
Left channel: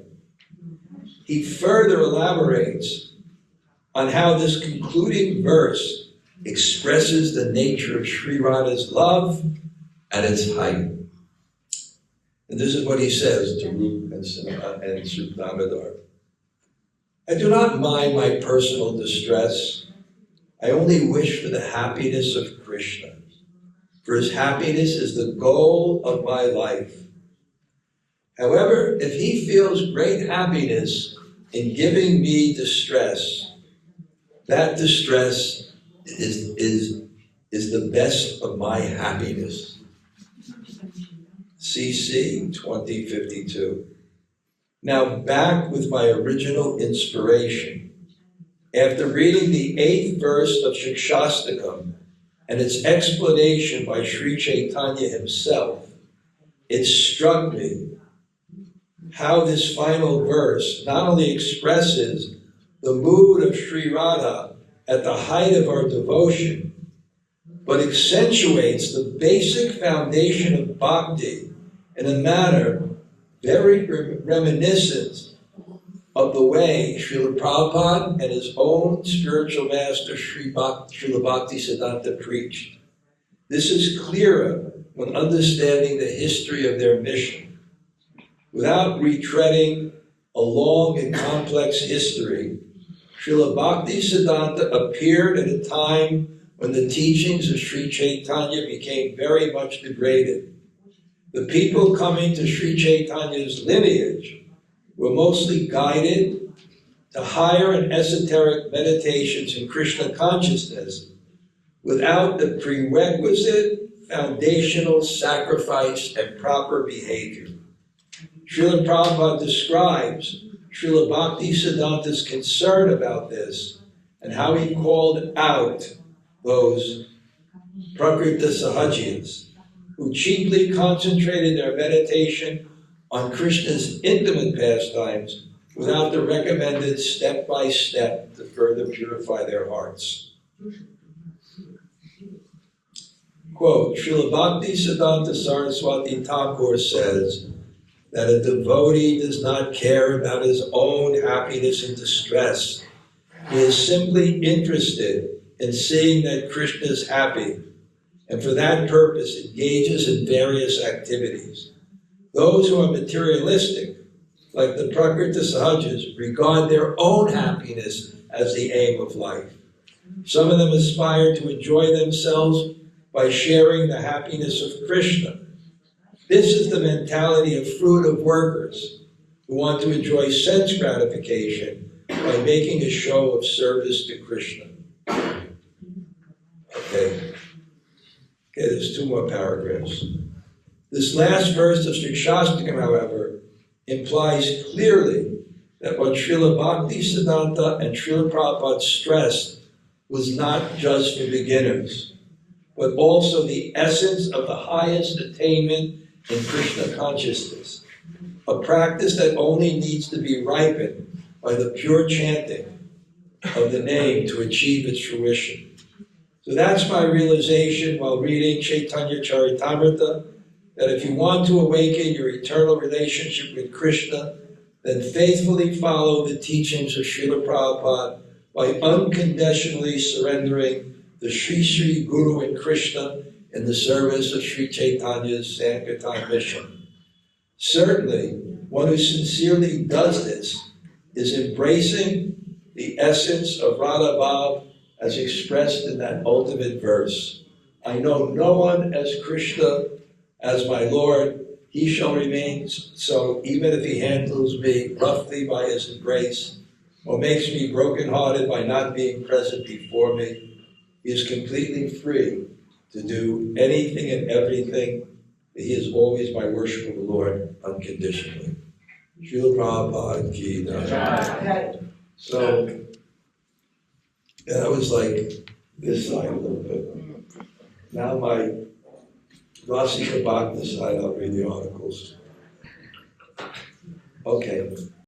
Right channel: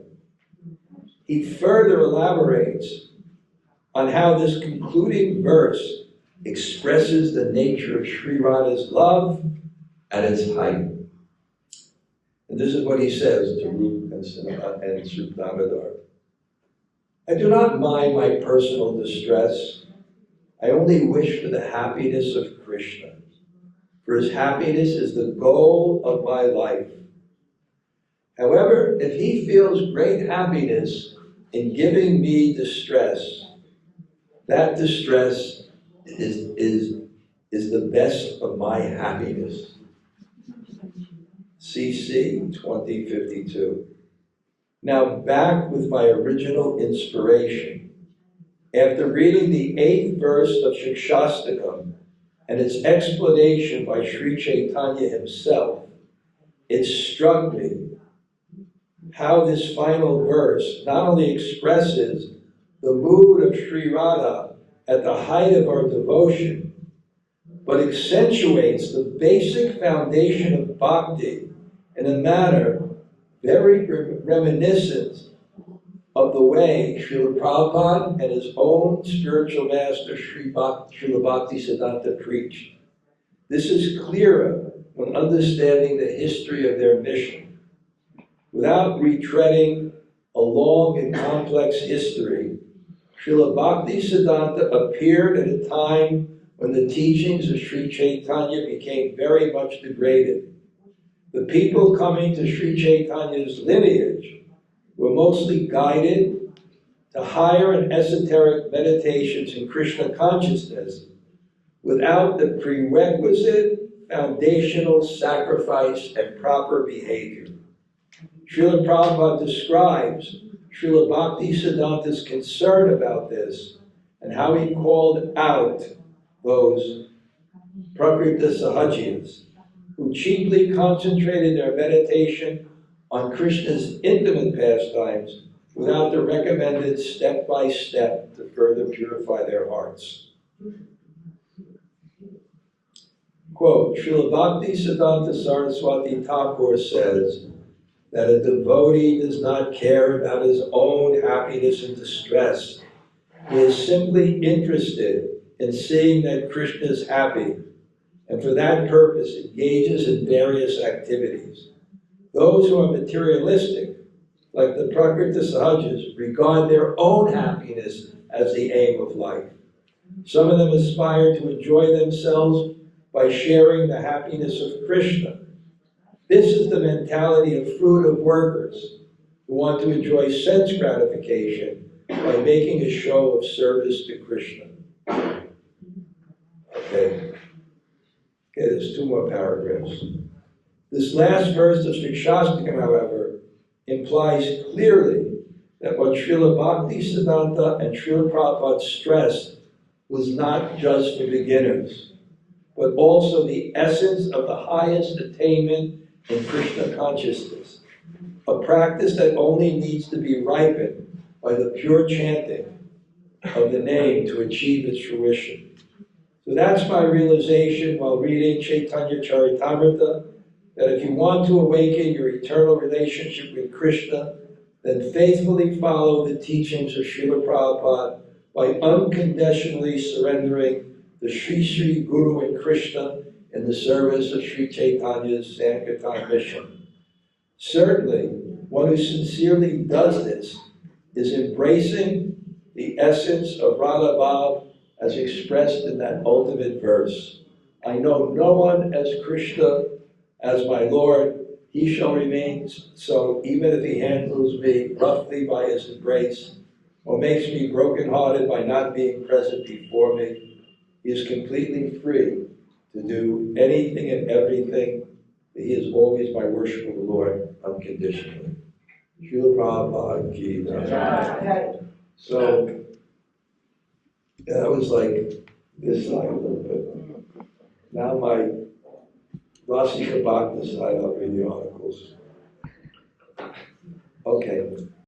he further elaborates on how this concluding verse expresses the nature of Sri Radha's love at its height. And this is what he says to Rup and Sri Damodar. I do not mind my personal distress. I only wish for the happiness of Krishna. For his happiness is the goal of my life. However, if he feels great happiness in giving me distress, that distress is the best of my happiness. CC 2052. Now back with my original inspiration. After reading the 8th verse of Shikshastakam and its explanation by Sri Chaitanya himself, it struck me how this final verse not only expresses the mood of Sri Radha at the height of our devotion, but accentuates the basic foundation of bhakti in a manner very reminiscent of the way Srila Prabhupada and his own spiritual master Srila Bhaktisiddhanta preached. This is clearer when understanding the history of their mission. Without retreading a long and complex history, Srila Bhaktisiddhanta appeared at a time when the teachings of Sri Chaitanya became very much degraded. The people coming to Sri Chaitanya's lineage were mostly guided to higher and esoteric meditations in Krishna consciousness without the prerequisite foundational sacrifice and proper behavior. Srila Prabhupada describes Srila Bhaktisiddhanta's concern about this and how he called out those Prakrita Sahajiyas who chiefly concentrated their meditation on Krishna's intimate pastimes without the recommended step-by-step to further purify their hearts. Quote, Srila Bhaktisiddhanta Saraswati Thakur says that a devotee does not care about his own happiness and distress. He is simply interested in seeing that Krishna is happy, and for that purpose engages in various activities. Those who are materialistic, like the Prakrita Sahajas, regard their own happiness as the aim of life. Some of them aspire to enjoy themselves by sharing the happiness of Krishna. This is the mentality of fruit of workers who want to enjoy sense gratification by making a show of service to Krishna. Okay, there's 2 more paragraphs. This last verse of Shikshastakam, however, implies clearly that what Srila Bhaktisiddhanta and Srila Prabhupada stressed was not just for beginners, but also the essence of the highest attainment in Krishna consciousness, a practice that only needs to be ripened by the pure chanting of the name to achieve its fruition. So that's my realization while reading Chaitanya Charitamrita, that if you want to awaken your eternal relationship with Krishna, then faithfully follow the teachings of Srila Prabhupada by unconditionally surrendering the Sri Sri Guru and Krishna in the service of Sri Chaitanya's Sankirtan mission. Certainly, one who sincerely does this is embracing the essence of Radha Bhav as expressed in that ultimate verse. I know no one as Krishna, as my Lord. He shall remain so, even if he handles me roughly by his embrace, or makes me brokenhearted by not being present before me. He is completely free to do anything and everything. He is always my worship of the Lord unconditionally. Srila Prabhupada ki jai. So, I was like this side a little bit. Now my Rasika Bhakta side, I'll read the articles. Okay.